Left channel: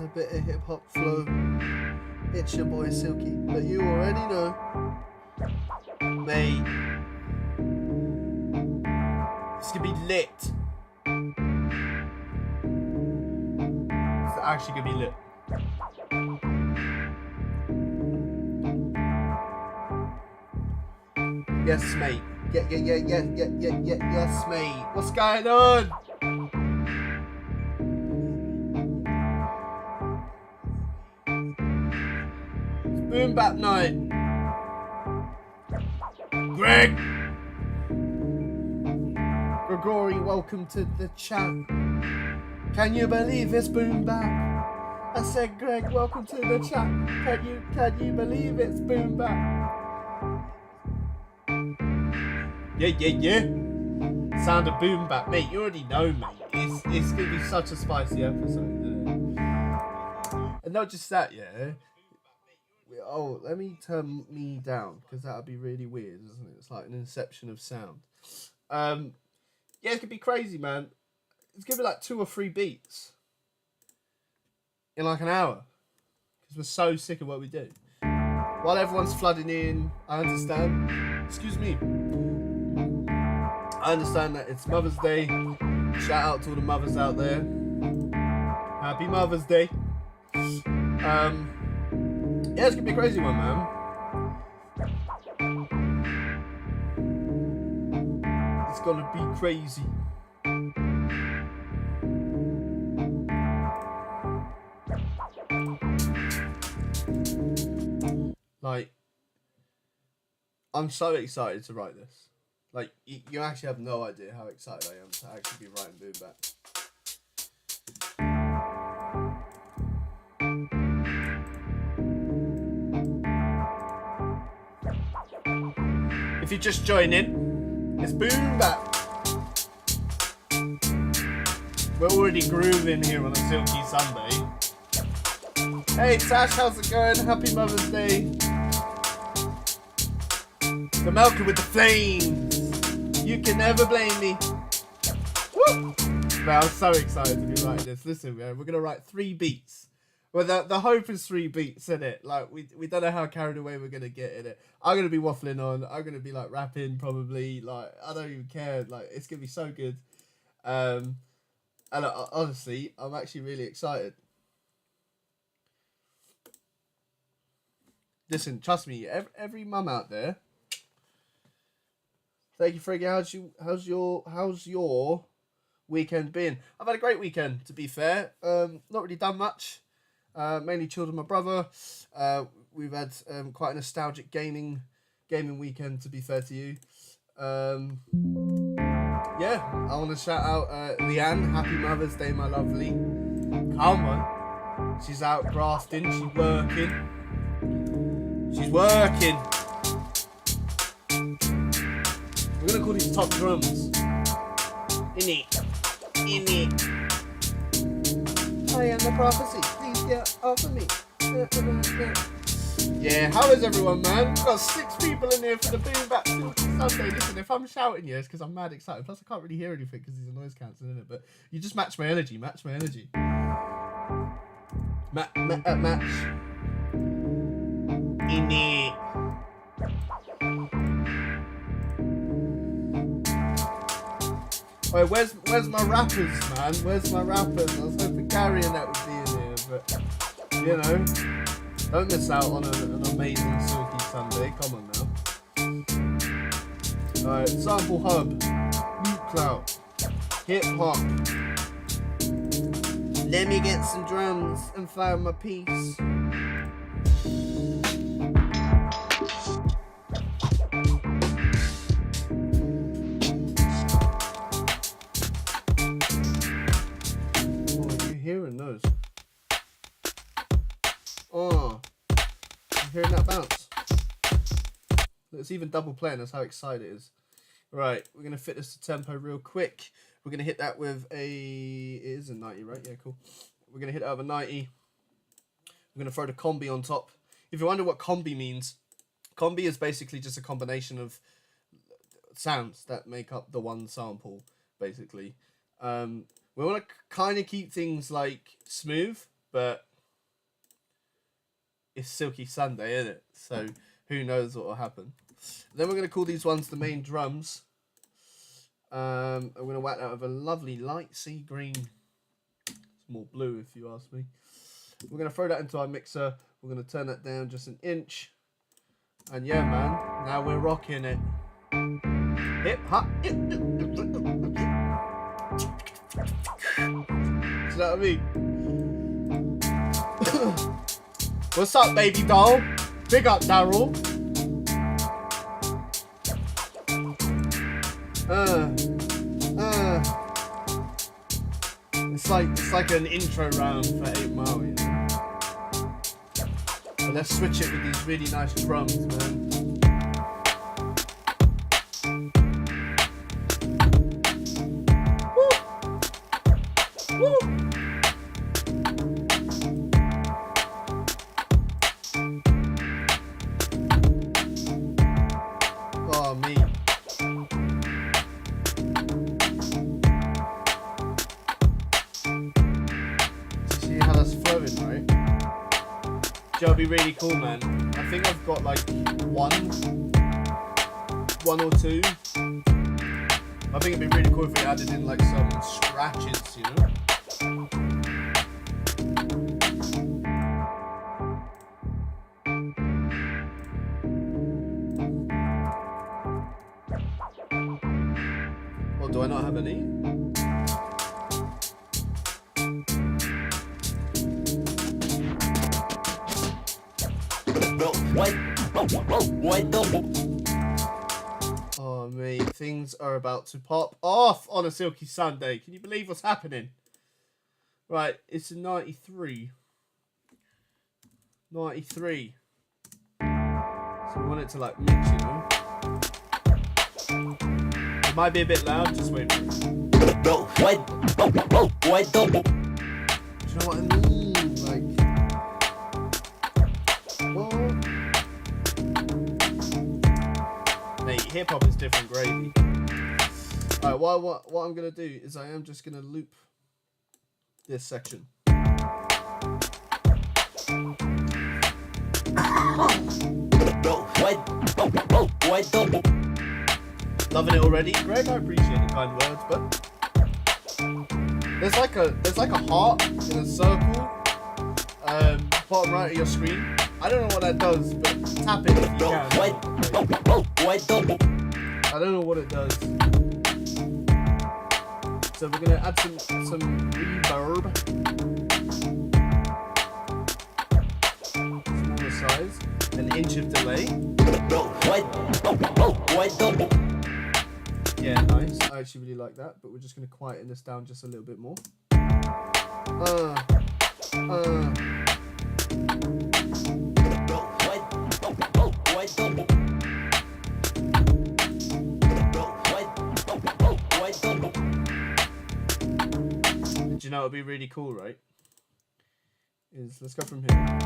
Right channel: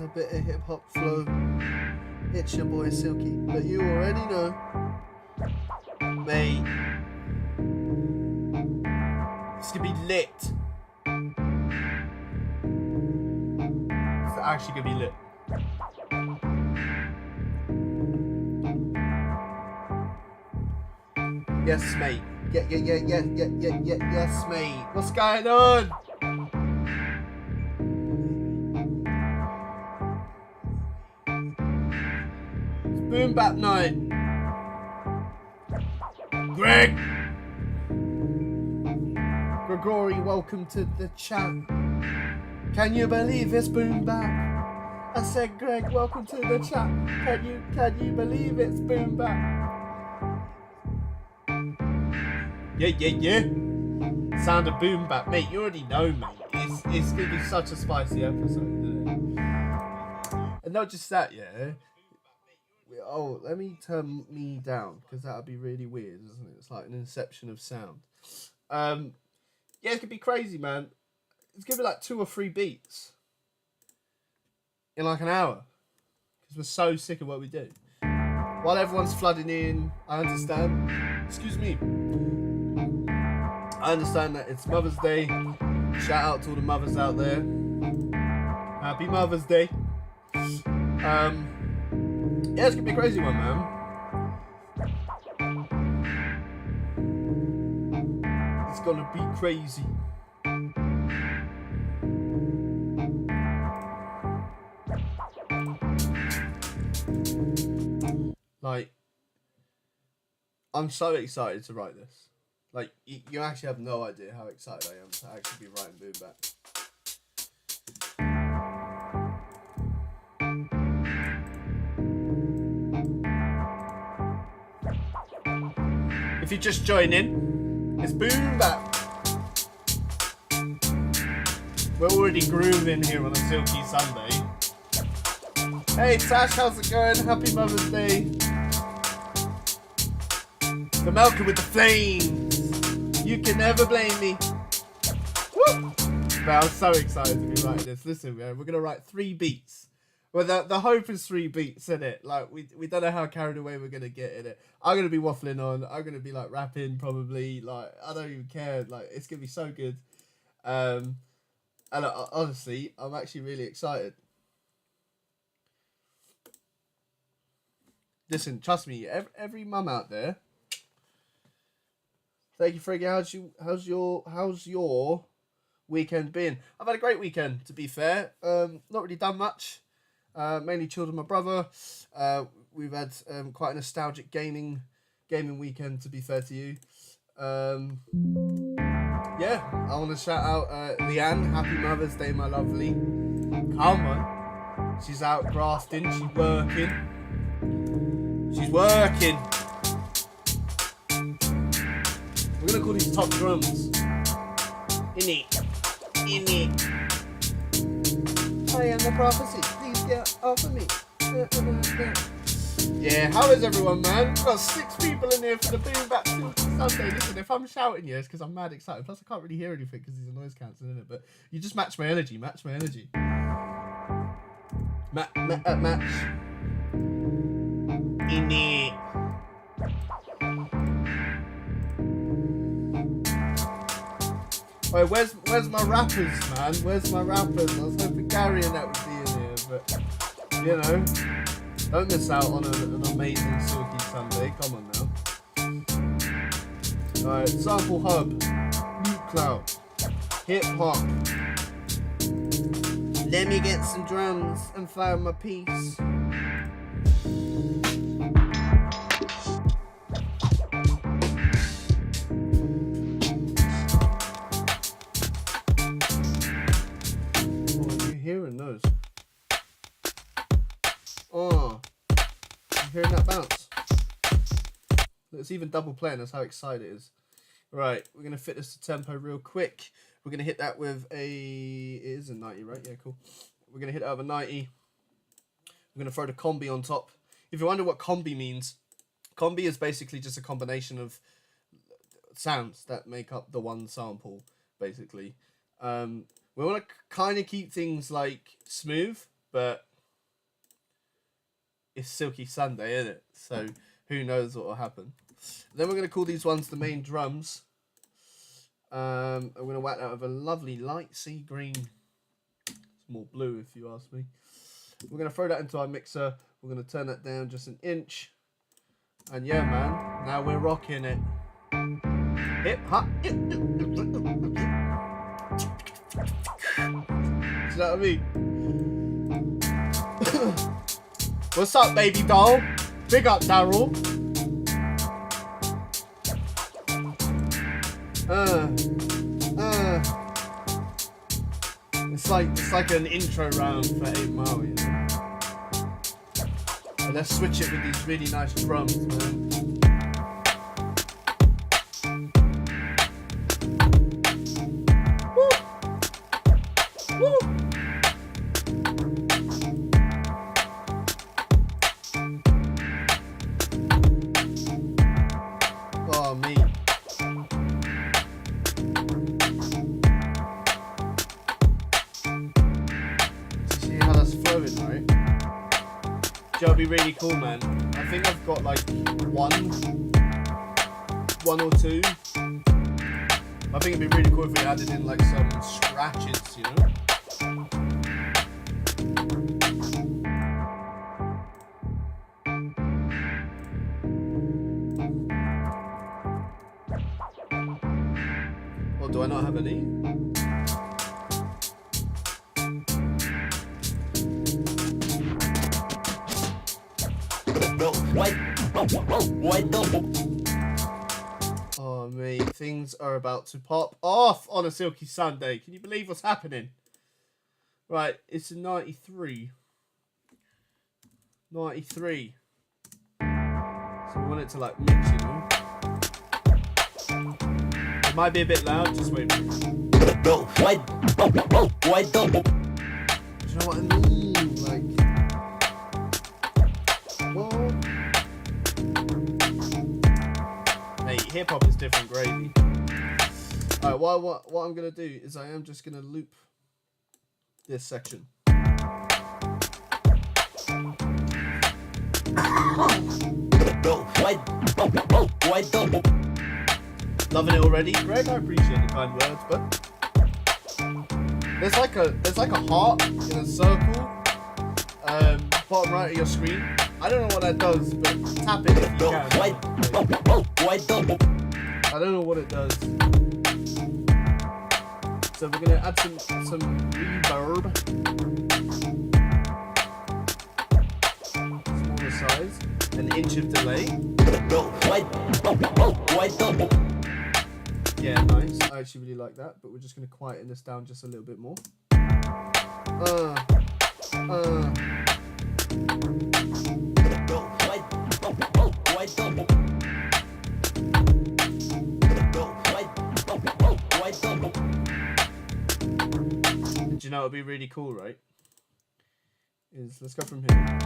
a bit of hip hop flow. It's your boy Silky, but you already know, mate. It's gonna be lit. It's actually gonna be lit. Yes, mate. Yes, mate. What's going on? It's boom bap night. Greg. Gregory, welcome to the chat. Can you believe it's boom bap? I said, Greg, welcome to the chat. Can you believe it's boom bap? Yeah. Sound of boom bap, mate. You already know, mate. It's gonna be such a spicy episode, isn't it? And not just that, yeah. Oh, let me turn me down because that'd be really weird, isn't it? It's like an inception of sound. Yeah, it's gonna be crazy, man. It's gonna be like 2 or 3 beats in like an hour because we're so sick of what we do. While everyone's flooding in, I understand. Excuse me. I understand that it's Mother's Day. Shout out to all the mothers out there. Happy Mother's Day. Yeah, it's gonna be a crazy one, man. It's gonna be crazy. Like, I'm so excited to write this. Like, you actually have no idea how excited I am to actually be writing boom bap. If you're just joining, it's boom bap. We're already grooving here on a Silky Sunday. Hey Tash, how's it going? Happy Mother's Day. The Melker with the flames. You can never blame me. Woo! Man, I'm so excited to be writing this. Listen, man, we're gonna write 3 beats. Well, the hope is 3 beats, isn't it? Like we don't know how carried away we're gonna get in it. I'm gonna be waffling on. I'm gonna be like rapping probably. Like I don't even care. Like it's gonna be so good. And honestly, I'm actually really excited. Listen, trust me. Every mum out there. Thank you, Friggy. How's your weekend been? I've had a great weekend, to be fair. Not really done much. Mainly chilled with my brother. We've had quite a nostalgic gaming weekend, to be fair to you. Yeah, I want to shout out Leanne. Happy Mother's Day, my lovely. Come on. She's out grafting. She's working. We're going to call these top drums. In it. I am the prophecy. Please get off of me. Yeah, how is everyone, man? We've got 6 people in here for the Boom Bap Silky Sunday. Listen, if I'm shouting, yeah, it's because I'm mad excited. Plus, I can't really hear anything because there's a noise cancelling, isn't it? But you just match my energy. Match. Match. In it. Wait, where's my rappers, man? Where's my rappers? I was hoping Gary and that would be in here, but you know, don't miss out on an amazing Silky Sunday. Come on now. Alright, Sample Hub, LoopCloud, Hip Hop. Let me get some drums and find my piece. Hearing those. Oh, you hearing that bounce? It's even double playing. That's how excited it is. Right, we're gonna fit this to tempo real quick. We're gonna hit that with it is a 90, right? Yeah, cool. We're gonna hit that with a 90. We're gonna throw the combi on top. If you wonder what combi means, combi is basically just a combination of sounds that make up the one sample, basically. We want to kind of keep things like smooth, but it's Silky Sunday, isn't it? So who knows what will happen. Then we're going to call these ones the main drums. I'm going to whack that with a lovely light sea green. It's more blue if you ask me. We're going to throw that into our mixer. We're going to turn that down just an inch. And yeah, man, now we're rocking it. Hip hop. Do you know what I mean? What's up, baby doll? Big up, Daryl. It's like an intro round for 8 Mile, you know. But let's switch it with these really nice drums, man. Woo! Woo! Oh, me. See how that's flowing, right? It'll be really cool, man. I think I've got like one or two. I think it'd be really cool if we added in like some scratches, you know? Or do I not have any? Oh mate, things are about to pop off on a Silky Sunday. Can you believe what's happening? Right, it's a 93. 93. So we want it to like mix, you know? It might be a bit loud, just wait for it. Do you know what I mean? Like, what? Mate, hip hop is different gravy. Alright, what I'm gonna do is I am just gonna loop this section. Loving it already, Greg. I appreciate the kind words, but there's like a heart in a circle, bottom right of your screen. I don't know what that does, but tap it if you can. I don't know what it does. So we're gonna add some reverb, smaller size, an inch of delay. Yeah, nice. I actually really like that, but we're just gonna quieten this down just a little bit more. Do you know what would be really cool, right? Let's go from here.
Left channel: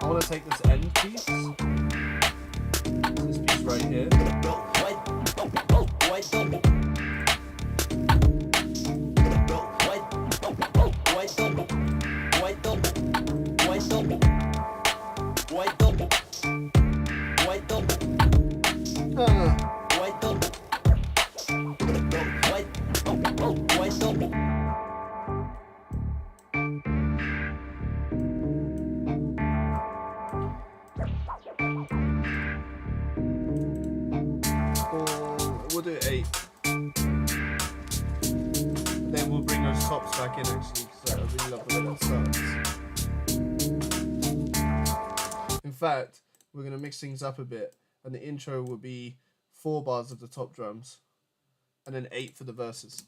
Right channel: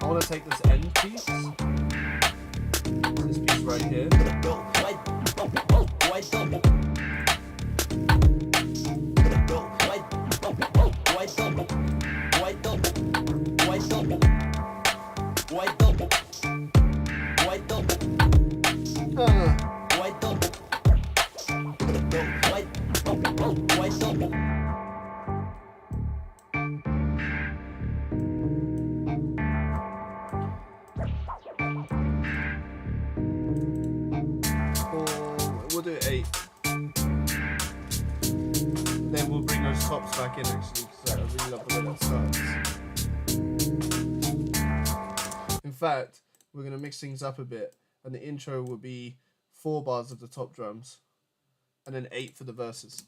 I want to take this end piece, this piece right here, we'll do 8. Then we'll bring those tops back in actually, because I really love the way that starts. In fact, we're going to mix things up a bit, and the intro will be 4 bars of the top drums, and then 8 for the verses.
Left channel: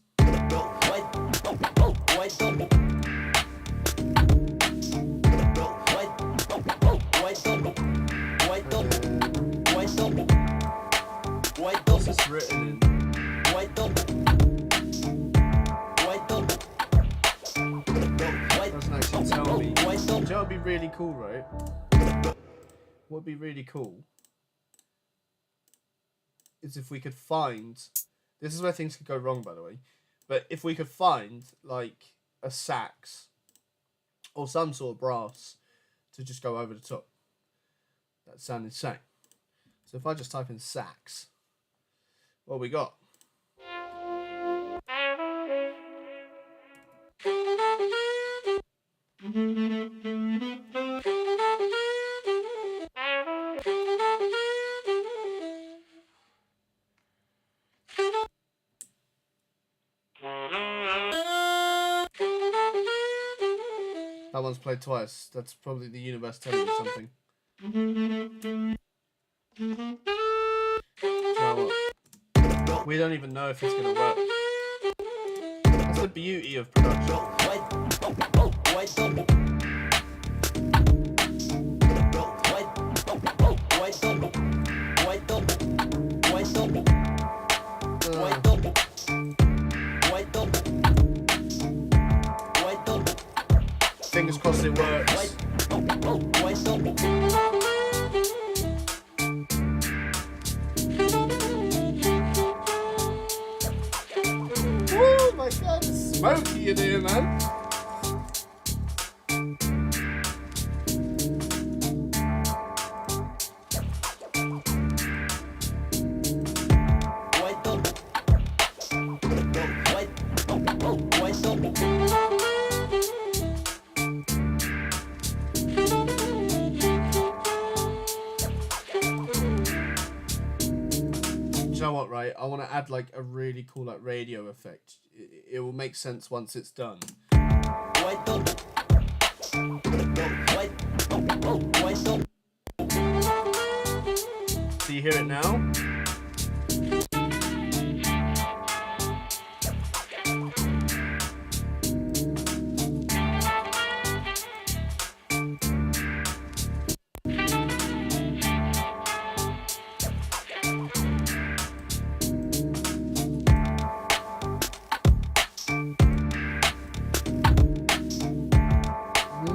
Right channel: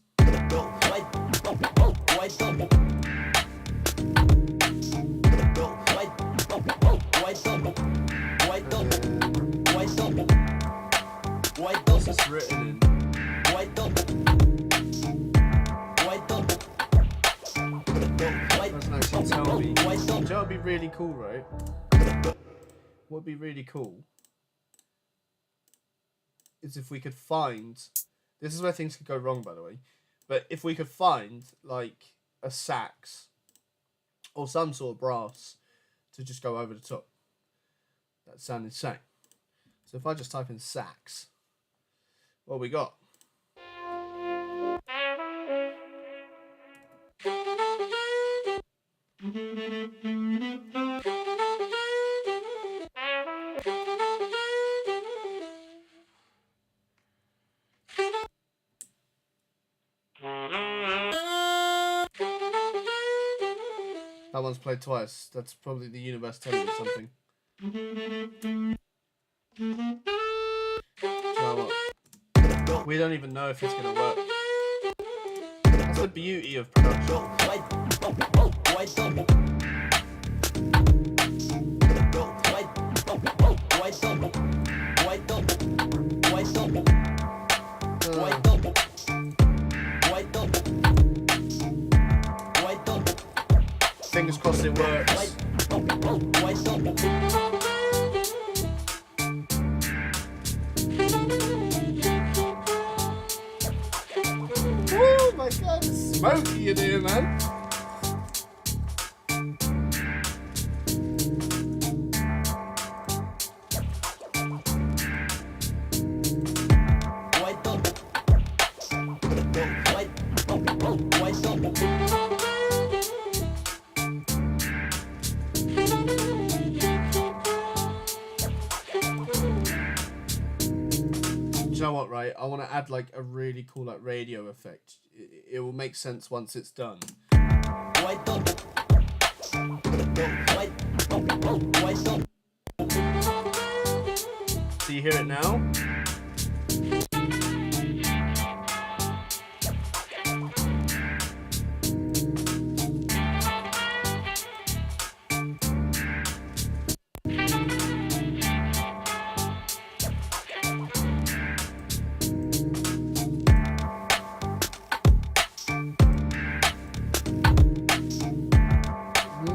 What's this written in? Doesn't actually tell me. Do you know what would be really cool, right? What would be really cool is if we could find... This is where things could go wrong, by the way. But if we could find, like, a sax or some sort of brass to just go over the top. That sound insane. So if I just type in sax, what we got? That one's played twice. That's probably the universe telling me something. Do you know what? We don't even know if it's going to work. That's the beauty of production. Fingers crossed it works. Oh my god, it's smoky in here, man. You know what, right? I want to add like a really cool like radio effect. It will make sense once it's done. So you hear it now?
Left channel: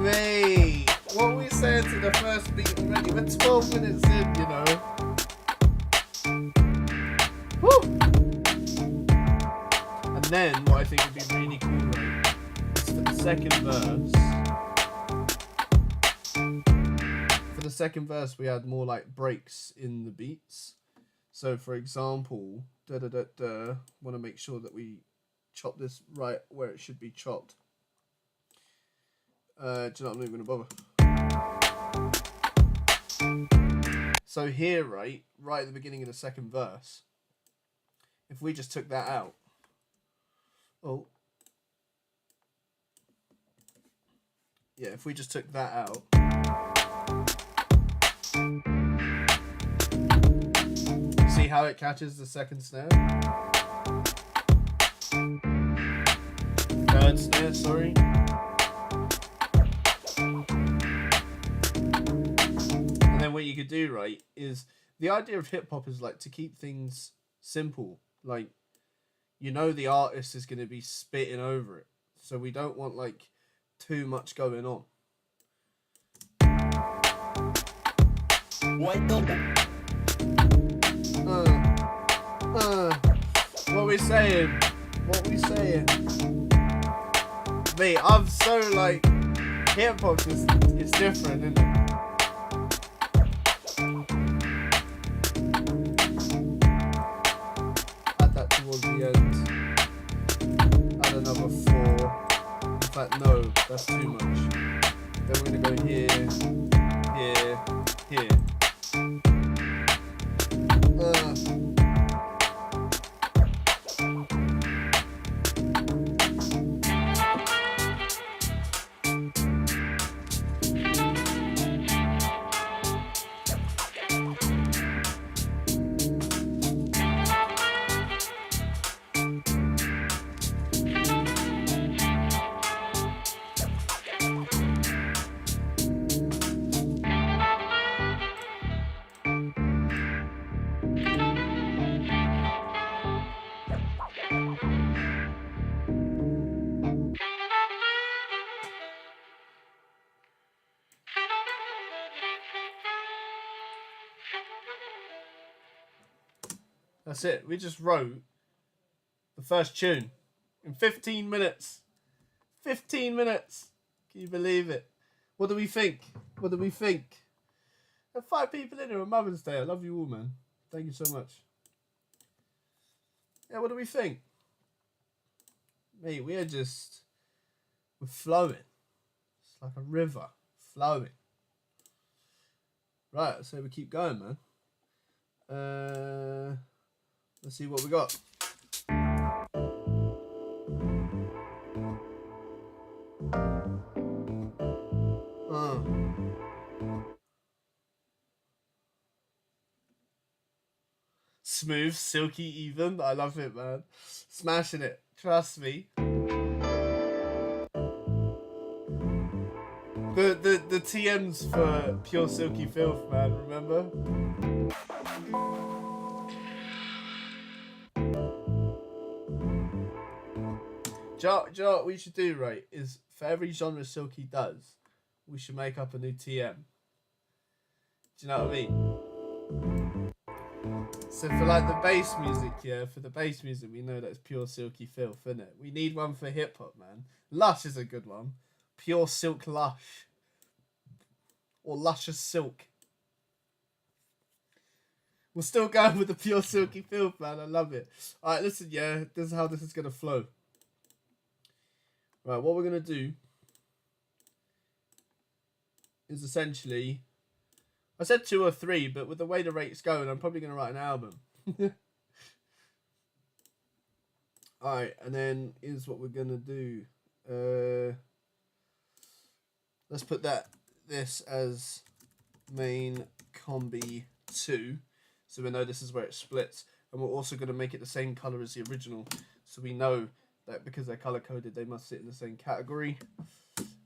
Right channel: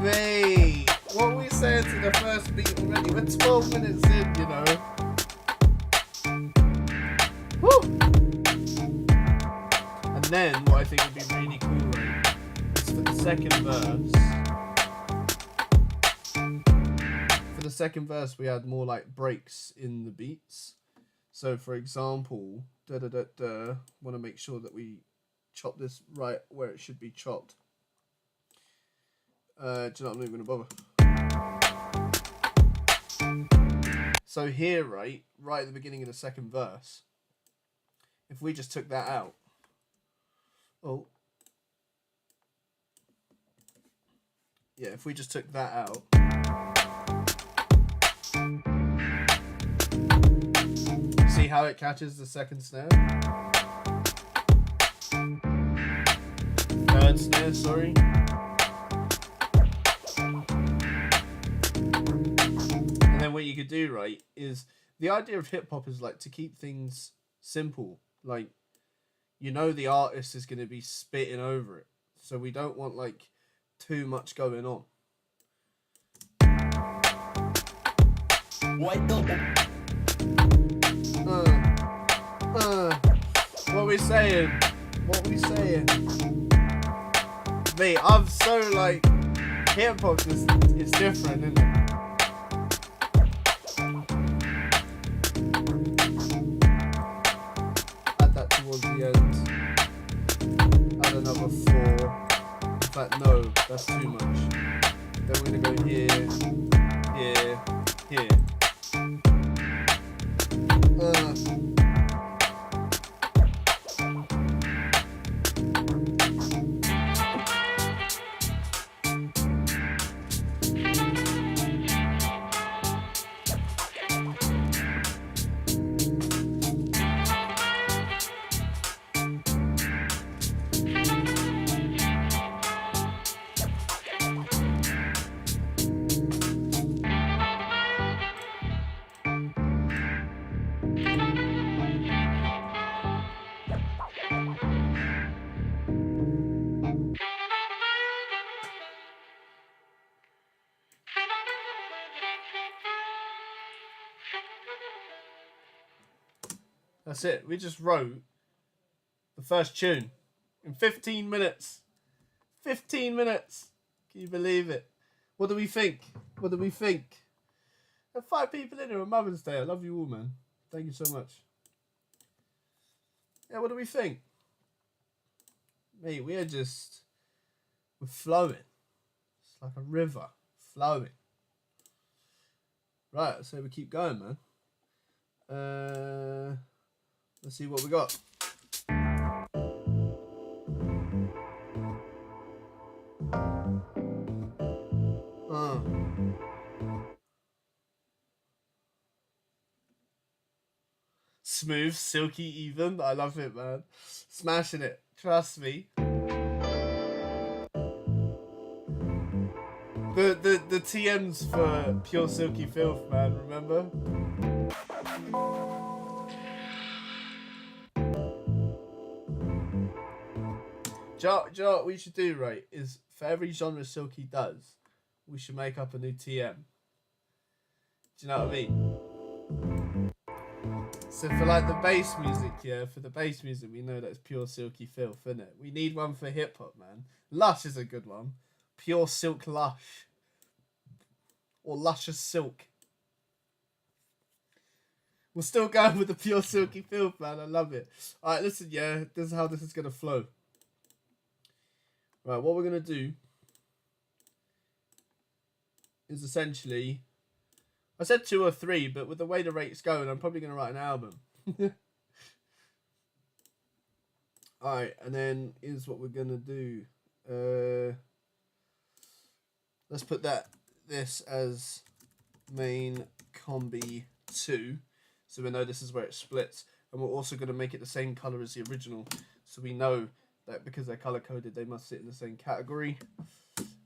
Mate, what are we saying to the first beat already? We're 12 minutes in, you know. Woo! And then, what I think would be really cool, right, is for the second verse. For the second verse, we had more like breaks in the beats. So, for example, want to make sure that we chop this right where it should be chopped. Do you know what, I'm not even gonna bother. So here, right at the beginning of the second verse, if we just took that out, oh, yeah, if we just took that out, see how it catches the second snare? Third snare, sorry. And then what you could do, right, is the idea of hip hop is like to keep things simple. Like, you know, the artist is going to be spitting over it, so we don't want like too much going on. What we saying? What we saying? Mate, I'm so like, hip hop just, it's different, isn't it? Add that towards the end. Add another 4. In fact, no, that's too much. Then we're gonna go here, here, here. That's it. We just wrote the first tune in 15 minutes. 15 minutes. Can you believe it? What do we think? What do we think? There are 5 people in here on Mother's Day. I love you all, man. Thank you so much. Yeah, what do we think? Mate, we're flowing. It's like a river flowing. Right, so we keep going, man. Let's see what we got. Smooth, silky, even. I love it, man. Smashing it. Trust me. The TMs for Pure Silky Filth, man. Remember? Do you know what we should do, right? Is for every genre Silky does, we should make up a new TM. Do you know what I mean? So for like the bass music, yeah, for the bass music, we know that's Pure Silky Filth, isn't it? We need one for hip hop, man. Lush is a good one. Pure Silk Lush. Or Luscious Silk. We're still going with the Pure Silky Filth, man. I love it. Alright, listen, yeah, this is how this is going to flow. Right, what we're going to do is essentially... I said 2 or 3, but with the way the rate's going, I'm probably going to write an album. Alright, and then here's what we're going to do. Let's put this as main combi 2, so we know this is where it splits. And we're also going to make it the same color as the original, so we know that because they're color coded, they must sit in the same category.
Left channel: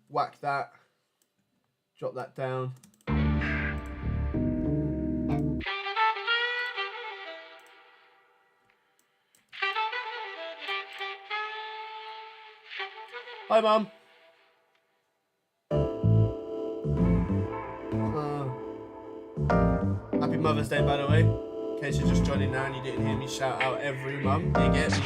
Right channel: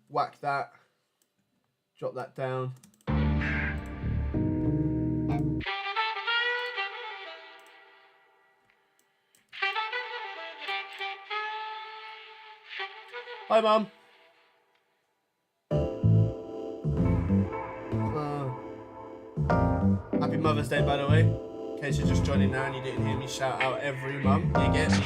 Whack that. Drop that down. Hi, Mum. Happy Mother's Day, by the way. In case you're just joining now and you didn't hear me shout out every mum, you get me.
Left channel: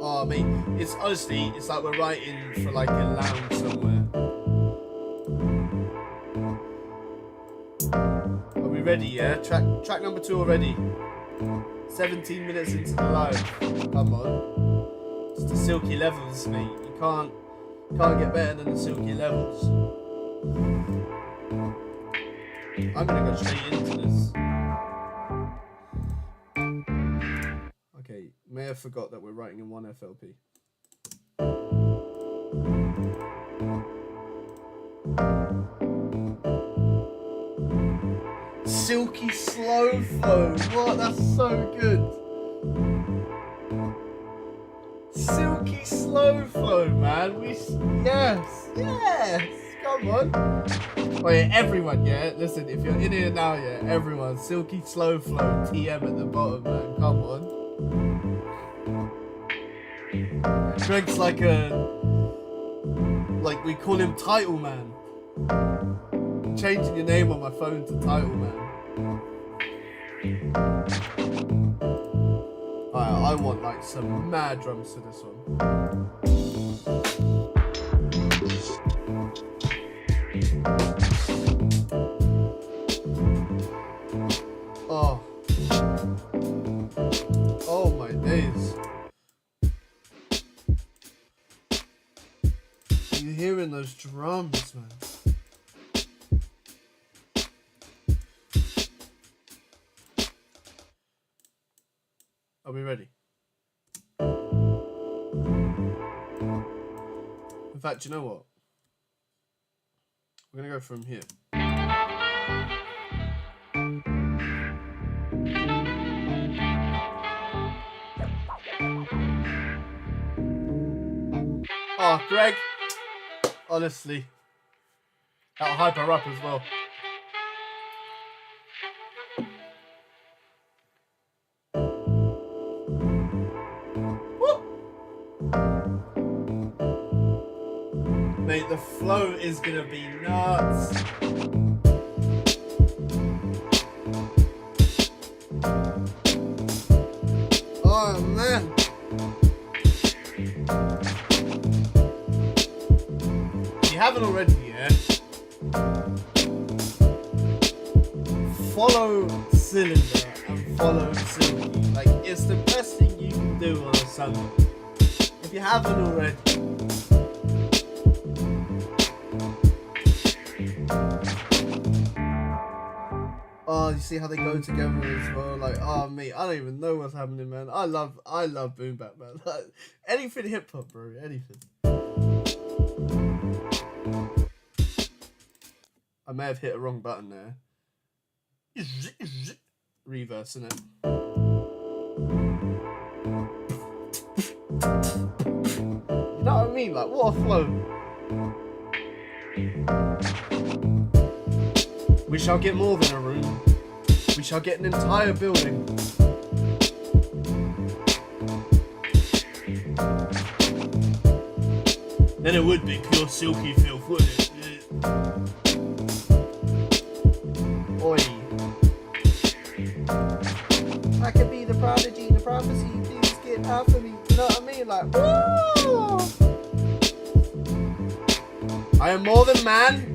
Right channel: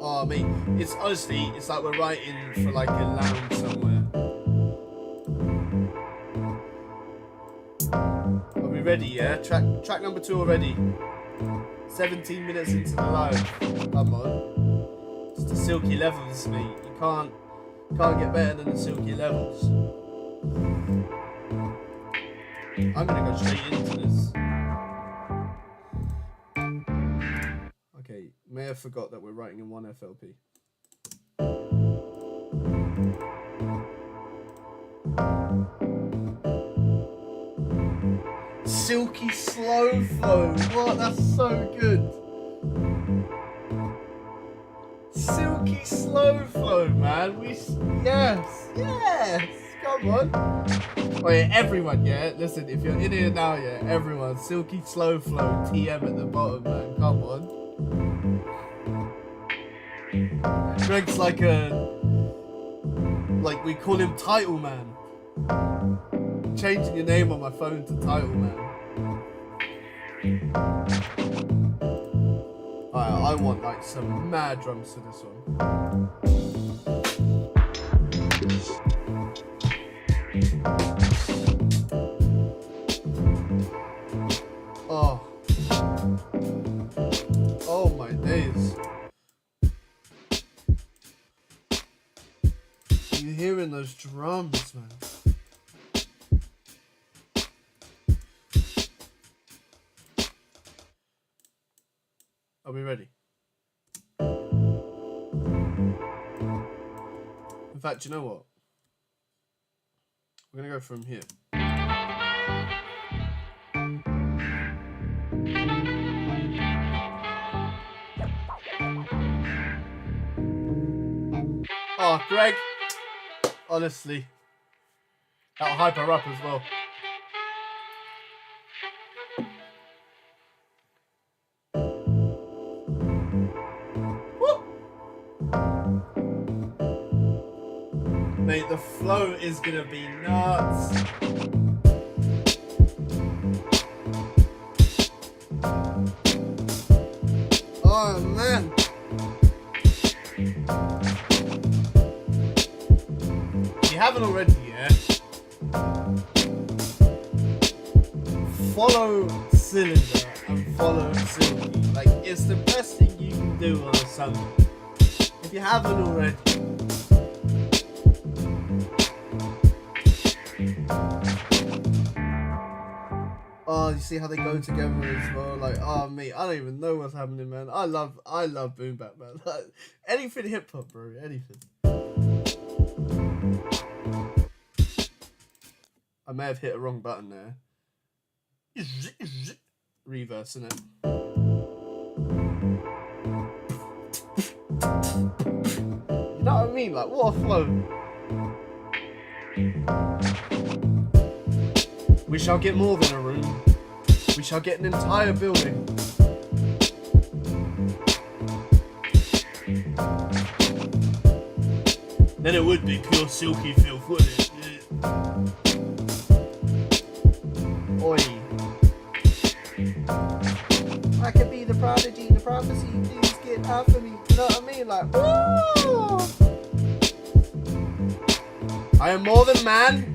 Oh, mate, it's honestly, it's like we're writing for like a lounge somewhere. Are we ready? Yeah, track number 2 already. 17 minutes into the live. Come on. It's the Silky Levels, mate. You can't get better than the Silky Levels. I'm gonna go straight into this. Okay, may have forgot that we're writing in 1 FLP. Silky slow flow. What? That's so good. Silky slow flow, man. Yes. Come on. Oh yeah, everyone, yeah. Listen, if you're in here now, yeah, everyone. Silky slow flow. TM at the bottom, man. Come on. Greg's like we call him Title Man. I'm changing your name on my phone to Title Man. Alright, I want like some mad drums to this one. Oh my days. You hearing those drums, man? Are we ready? In fact, you know what? We're gonna go from here. Oh, Greg, honestly, that'll hype her up as well. Mate, the flow is gonna be nuts. you haven't already, yeah, follow Tsilindr and follow Silky. Like, it's the best thing you can do on a Sunday. If you haven't already. Oh, you see how they go together as well? Like, oh, mate, I don't even know what's happening, man. I love boom bap, man. Like, anything hip hop, bro. Anything. I may have hit a wrong button there. Reversing it. You know what I mean? Like, what a flow. We shall get more than a room. We shall get an entire building. Then it would be pure silky filth, wouldn't it? Oi. I could be the prodigy, the prophecy, please get out for me. You know what I mean? Like, woo! I am more than man.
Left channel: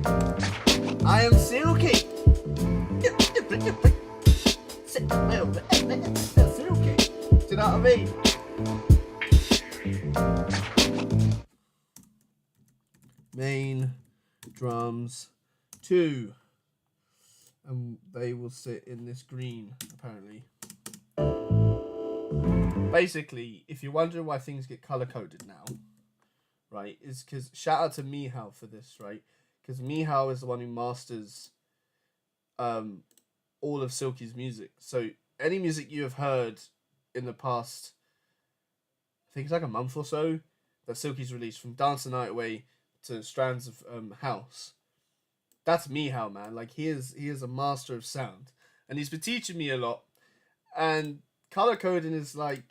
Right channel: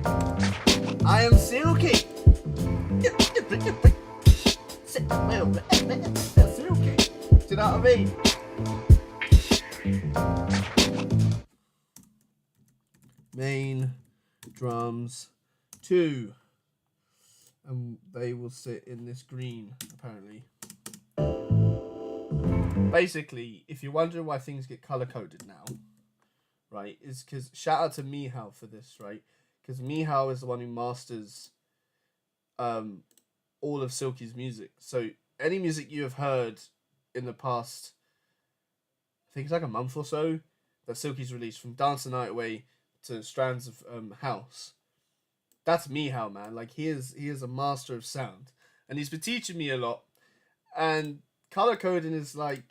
I am Silky. Silky. Do you know what I mean? Main drums 2. And they will sit in this green, apparently. Basically, if you're wondering why things get color coded now, right, is because shout out to Mihal for this, right? Because Mihal is the one who masters all of Silky's music. So any music you have heard in the past, I think it's like a month or so, that Silky's released, from Dance the Night Away to Strands of House, that's Mihal, man. Like, he is a master of sound. And he's been teaching me a lot. And color coding is like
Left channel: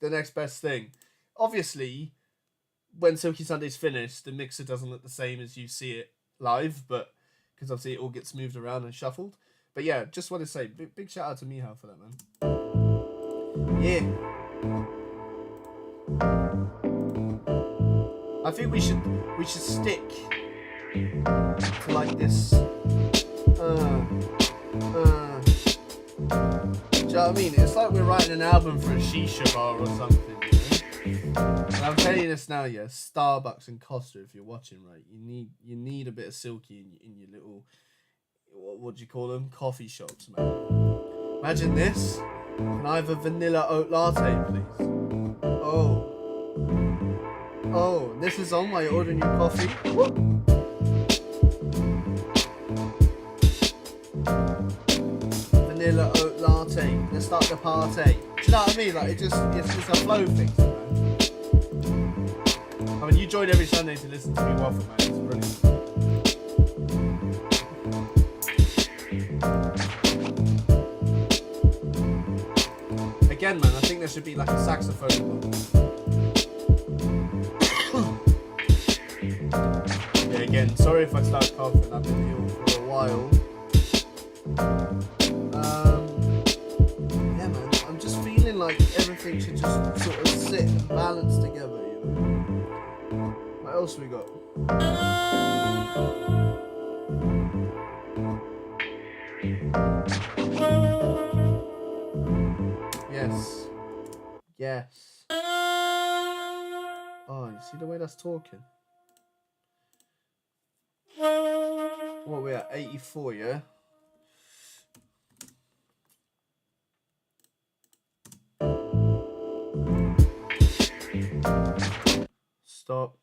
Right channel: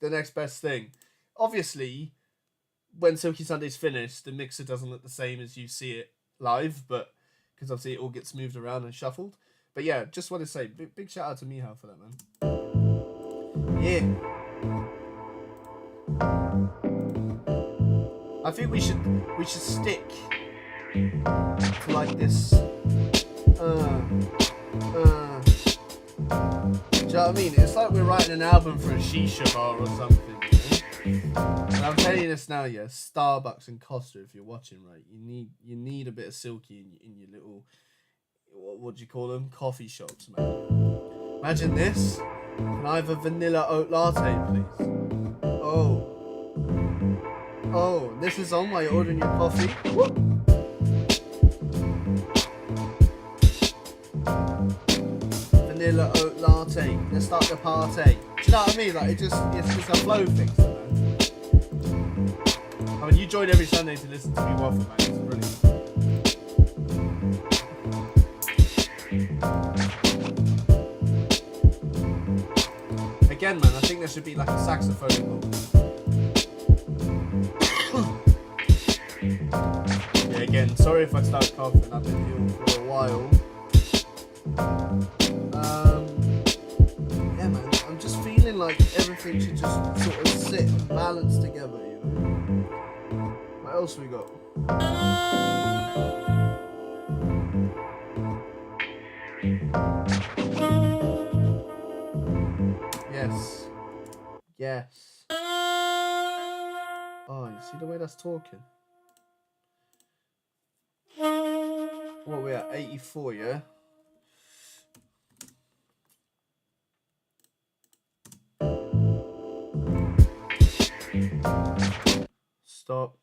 the next best thing. Obviously, when Silky Sunday's finished, the mixer doesn't look the same as you see it live, but because obviously it all gets moved around and shuffled. But yeah, just want to say big shout out to Mihal for that, man. Yeah. I think we should stick to like this. Do you know what I mean? It's like we're writing an album for a shisha bar or something, you know? And I'm telling you this now, yeah. Starbucks and Costa, if you're watching, right, you need a bit of Silky in your little, what do you call them? Coffee shops, man. Imagine this. Can I have a vanilla oat latte, please? Oh, this is on while you're ordering your coffee. Woo! Vanilla oat latte. Let's start the party. Do you know what I mean? Like, it's a flow thing, man. I mean, you join every Sunday to listen to me waffle, man. It's brilliant. Again, man, I think there should be like a saxophone involved. Yeah, again, sorry if I start coughing. I've been ill for a while. Yeah, man, I'm just feeling like everything should just sort of sit and balance together, you know? What else we got? Yes. Oh, you see the way that's talking? What, we're at 84, yeah? Stop.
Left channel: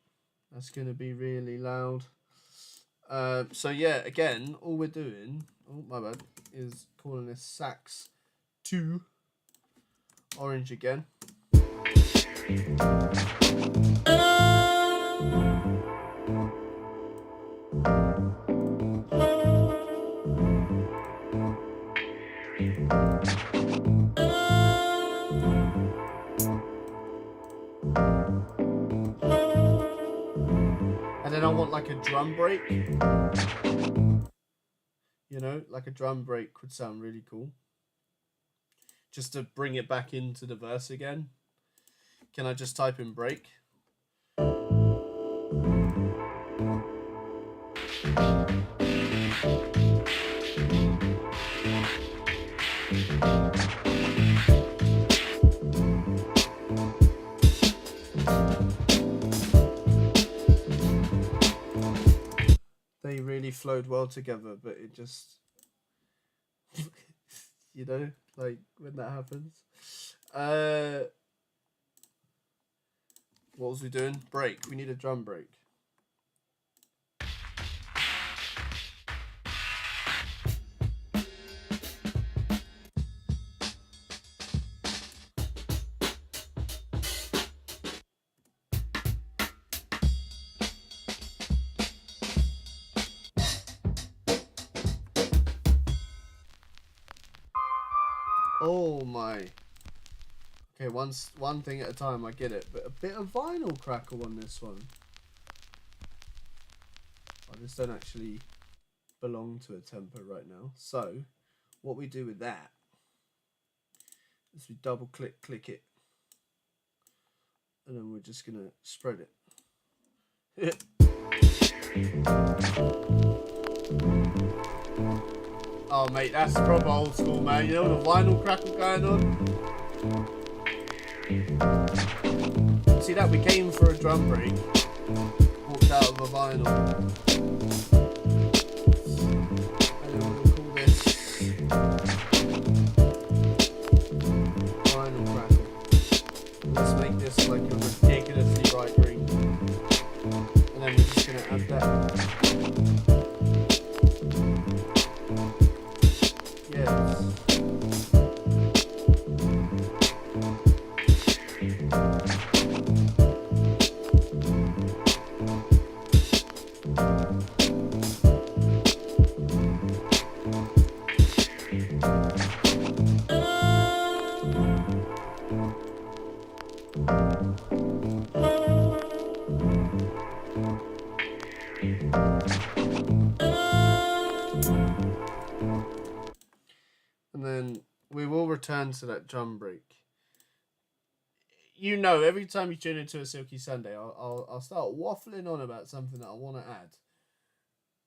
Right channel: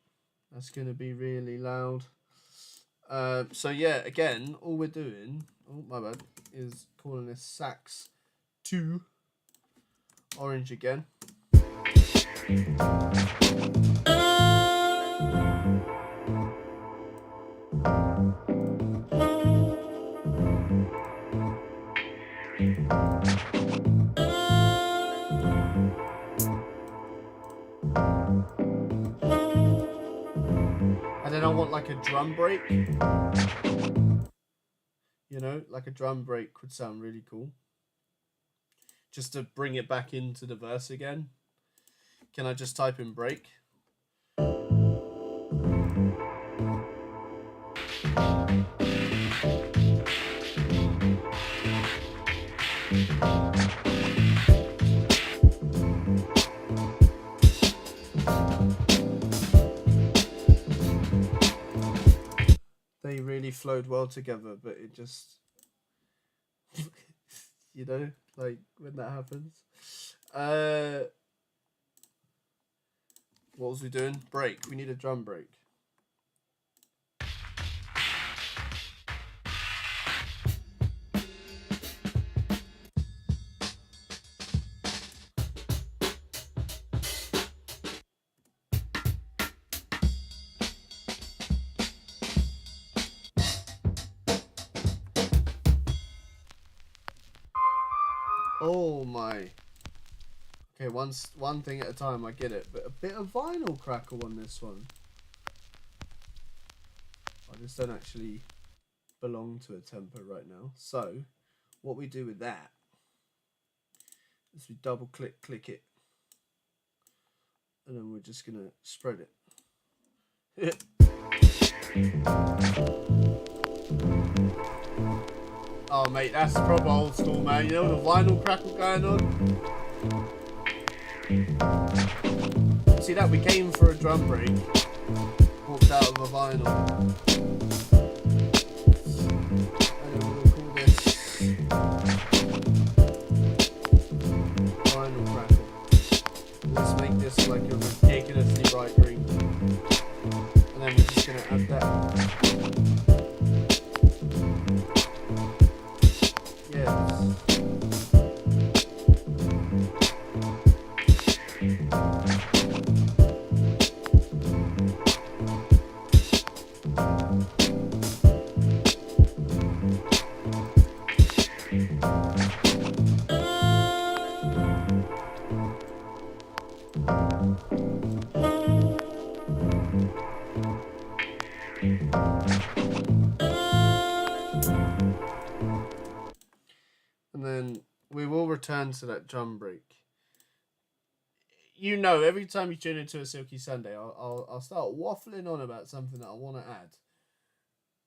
That's going to be really loud. So yeah, again, all we're doing, oh my bad, is calling this sax 2. Orange again. And then I want like a drum break. You know, like a drum break would sound really cool. Just to bring it back into the verse again. Can I just type in break? They really flowed well together, but it just, you know, like when that happens. What was we doing? Break. We need a drum break. Oh my. Okay, one thing at a time, I get it. But a bit of vinyl crackle on this one. I just don't actually belong to a tempo right now. So, what we do with that is we double click it. And then we're just going to spread it. Oh, mate, that's proper old school, man. You know the vinyl crackle going on? See that? We came for a drum break. Walked out of a vinyl. And then we'll call this vinyl crackle. Let's make this like a ridiculously bright green. And then we're just going to add that. Yes. And then we will return to that drum break. You know, every time you tune into a Silky Sunday, I'll start waffling on about something that I want to add.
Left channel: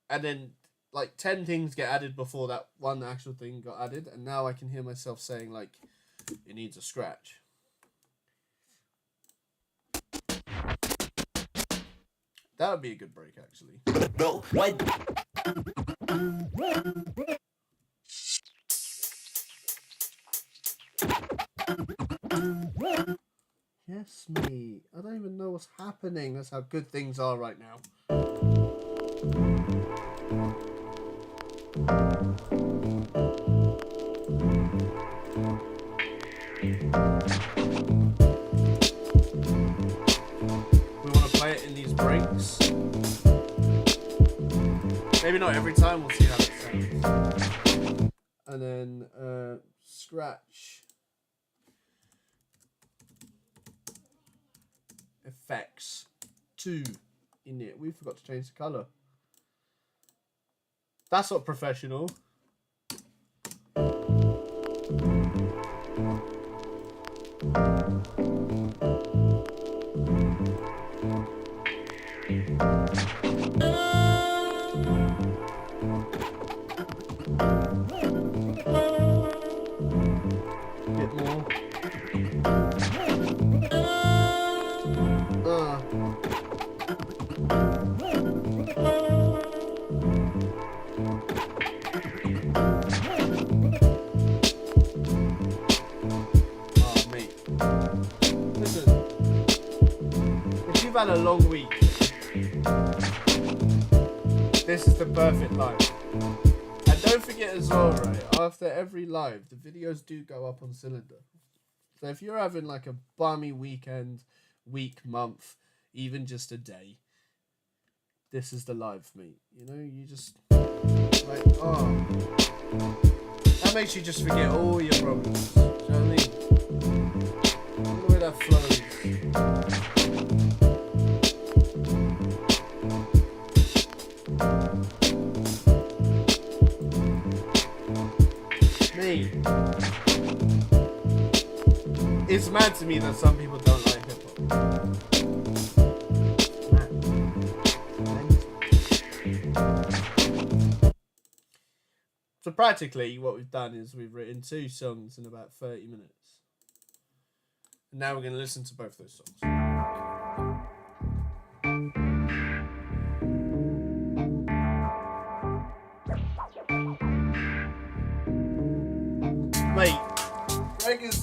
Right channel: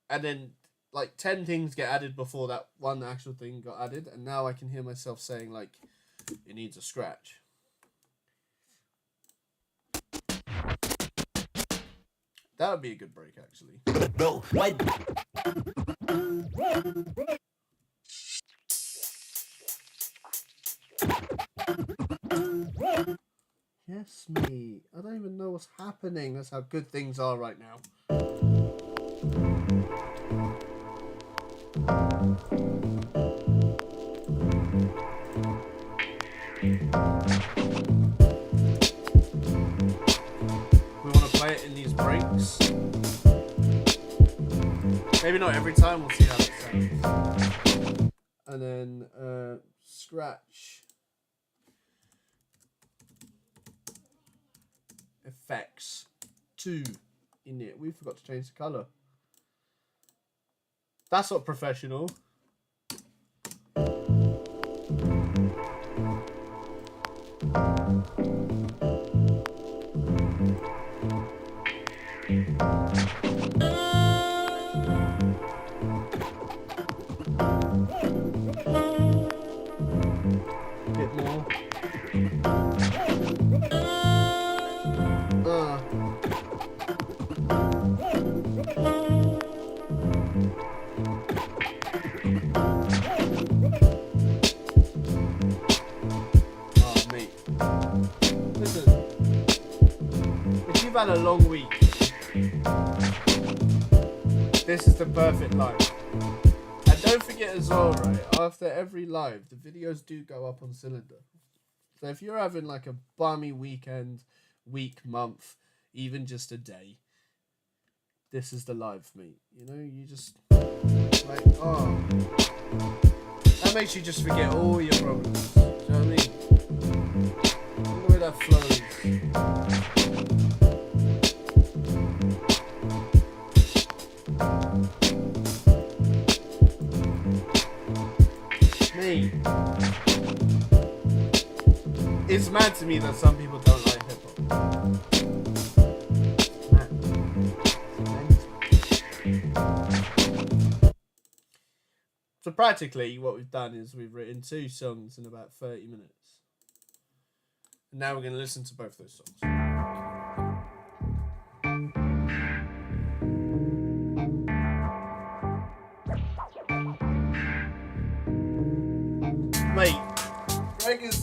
And then, like, 10 things get added before that one actual thing got added. And now I can hear myself saying, like, it needs a scratch. That would be a good break, actually. Yes, me. I don't even know what's happening. That's how good things are right now. We want to play it in these breaks. Maybe not every time. We'll see how that sounds. And then scratch. Effects 2 in it. We forgot to change the color. That's not professional. Bit more. You've had a long week. This is the perfect live. And don't forget as well, right, after every live, the videos do go up on Tsilindr. So if you're having like a bummy weekend, week, month, even just a day, this is the live, mate. You know, you just, like, oh. That makes you just forget all your problems. Do you know what I mean? Look at the way that flows. Me. It's mad to me that some people don't like hip hop. So practically what we've done is we've written 2 songs in about 30 minutes. And now we're going to listen to both those songs.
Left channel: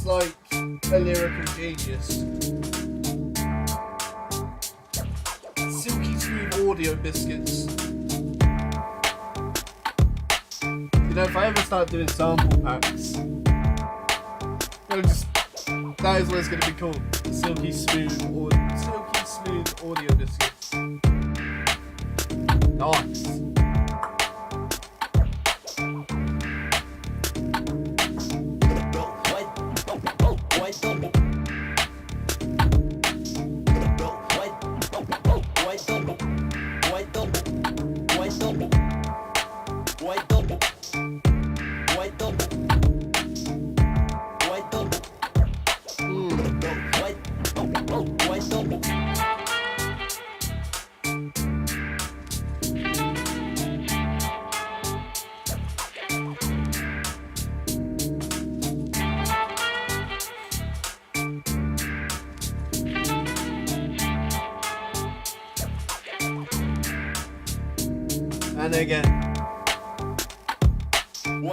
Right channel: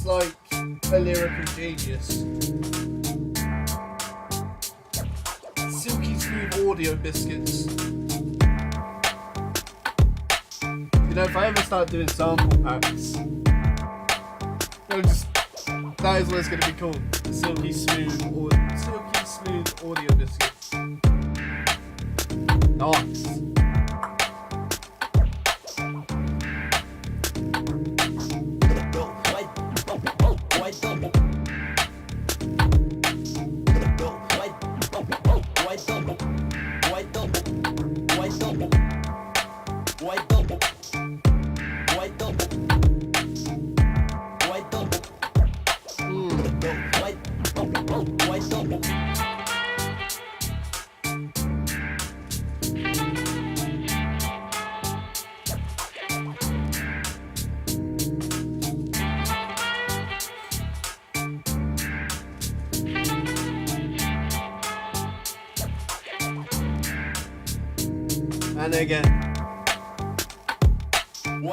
like a lyrical genius. Silky smooth audio biscuits. You know, if I ever start doing sample packs, that is what it's going to be called. The silky smooth audio biscuits. Nice. And again. Woo!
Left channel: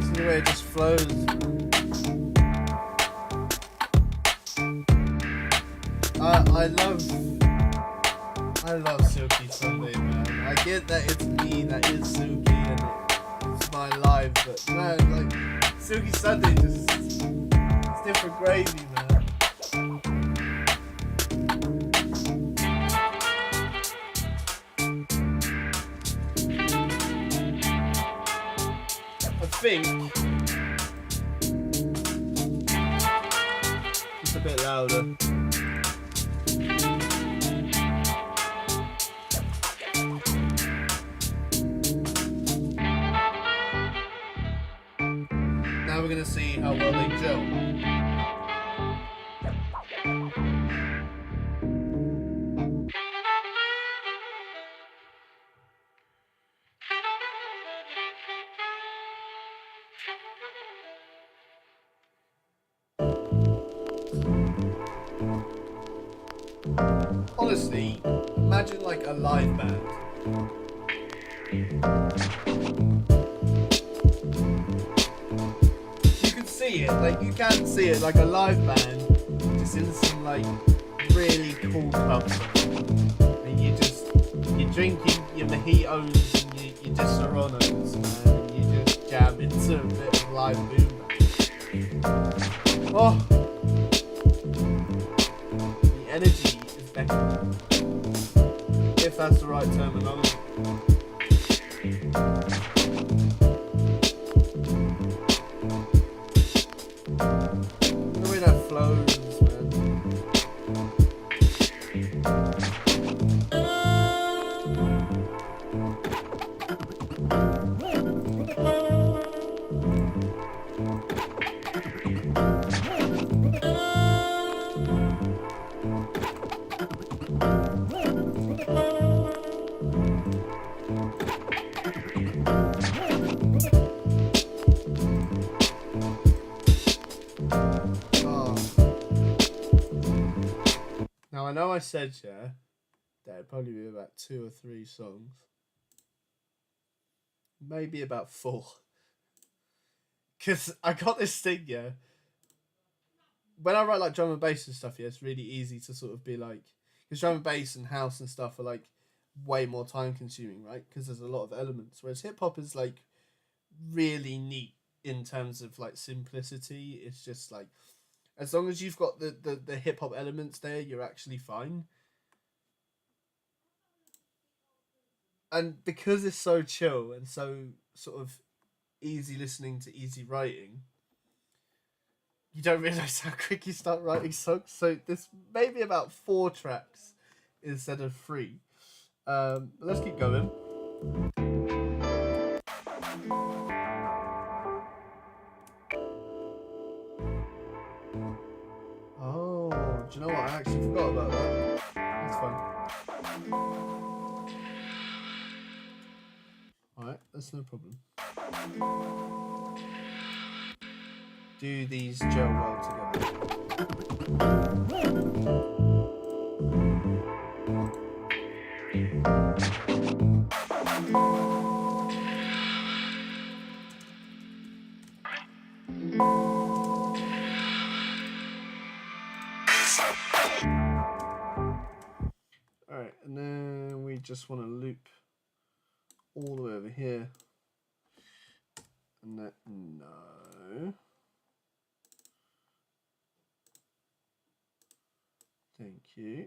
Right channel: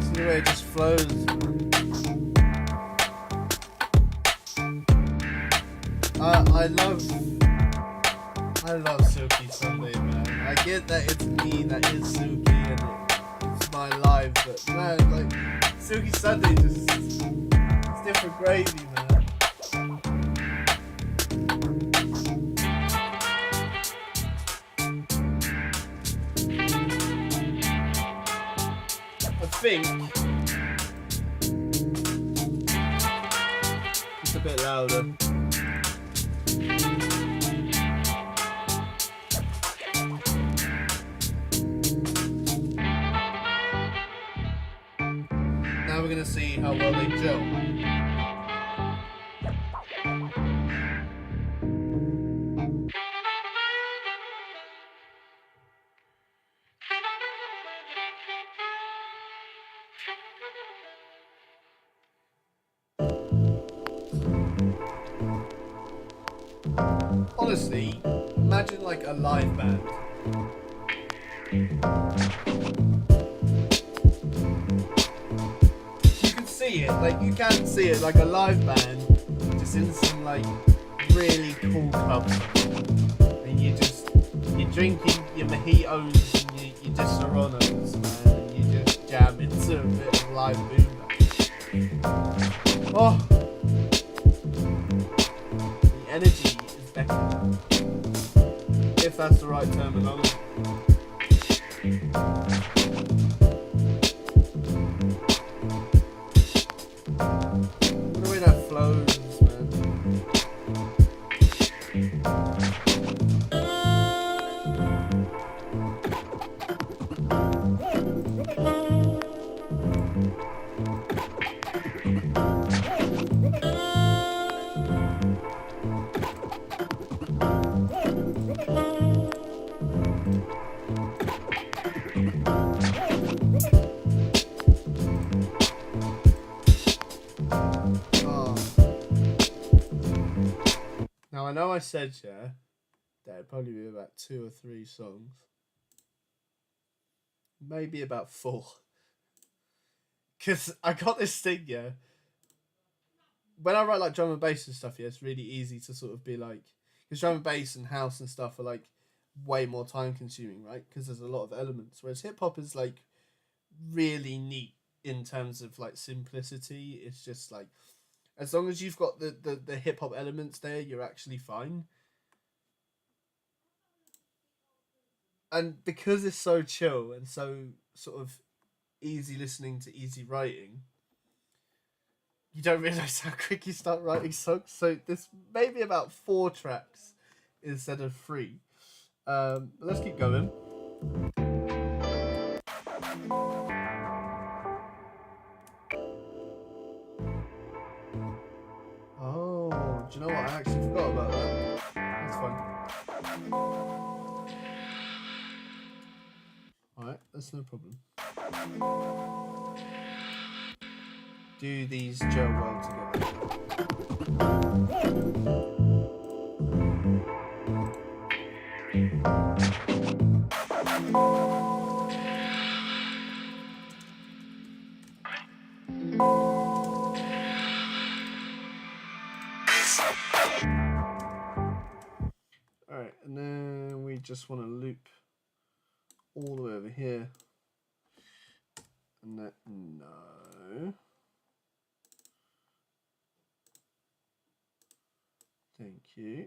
See the way it just flows. I love Silky Sunday, man. I get that it's me that is Silky and it's my life, but man, like Silky Sunday it's different gravy, man. I think it's a bit louder. Now we're going to see how well they gel. Honestly, imagine like a live band. Like you can see it like a live band just in some like really cool club song. And you're drinking your mojitos and you just Serranos, man, and you just jam into a bit of live boom bap. Oh, the energy is beckoning, if that's the right terminology. The way that flows, man. Now I know I said, yeah, that it'd probably be about 2 or 3 songs. Maybe about 4. Because I got this thing, yeah. When I write like drum and bass and stuff, yeah, it's really easy to sort of be like, because drum and bass and house and stuff are like way more time consuming, right? Because there's a lot of elements. Whereas hip hop is like really neat in terms of like simplicity. It's just like, as long as you've got the hip hop elements there, you're actually fine. And because it's so chill and so sort of easy listening to easy writing, you don't realise how quick you start writing songs. So this may be about 4 tracks instead of 3. But let's keep going. Oh, do you know what? I actually forgot about that. That's fine. Alright, that's no problem. Do these gel well together? Alright, and then we just want to loop all the way over here. And that, no. Thank you.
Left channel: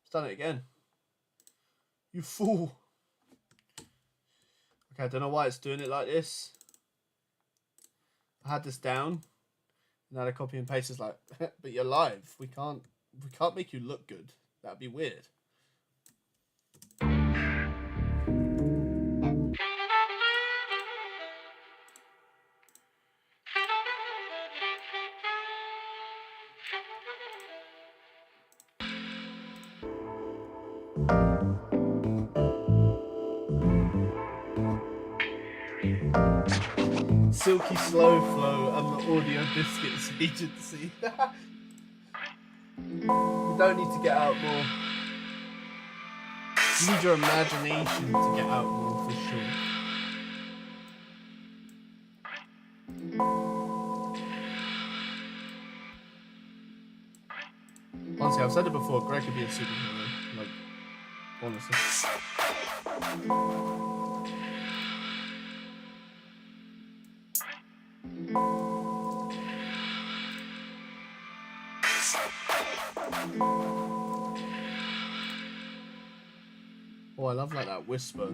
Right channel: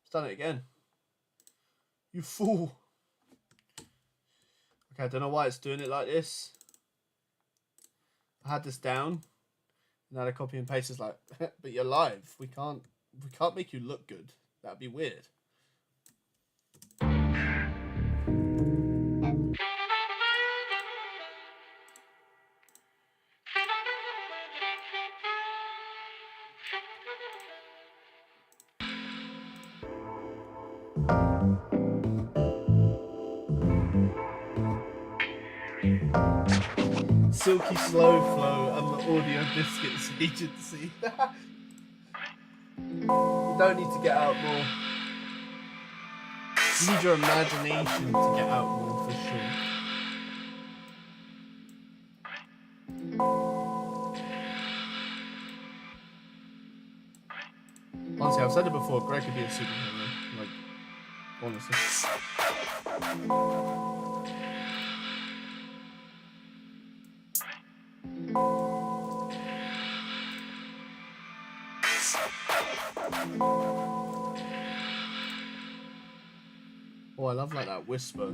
It's done it again. You fool. Okay, I don't know why it's doing it like this. I had this down. Now the copy and paste is like, but you're live. We can't make you look good. That'd be weird. Silky Slow Flow and the Audio Biscuits Agency. You don't need to get out more. You need your imagination to get out more for sure. Honestly, I've said it before, Greg could be a superhero. Like, honestly. Oh, I love like that whisper.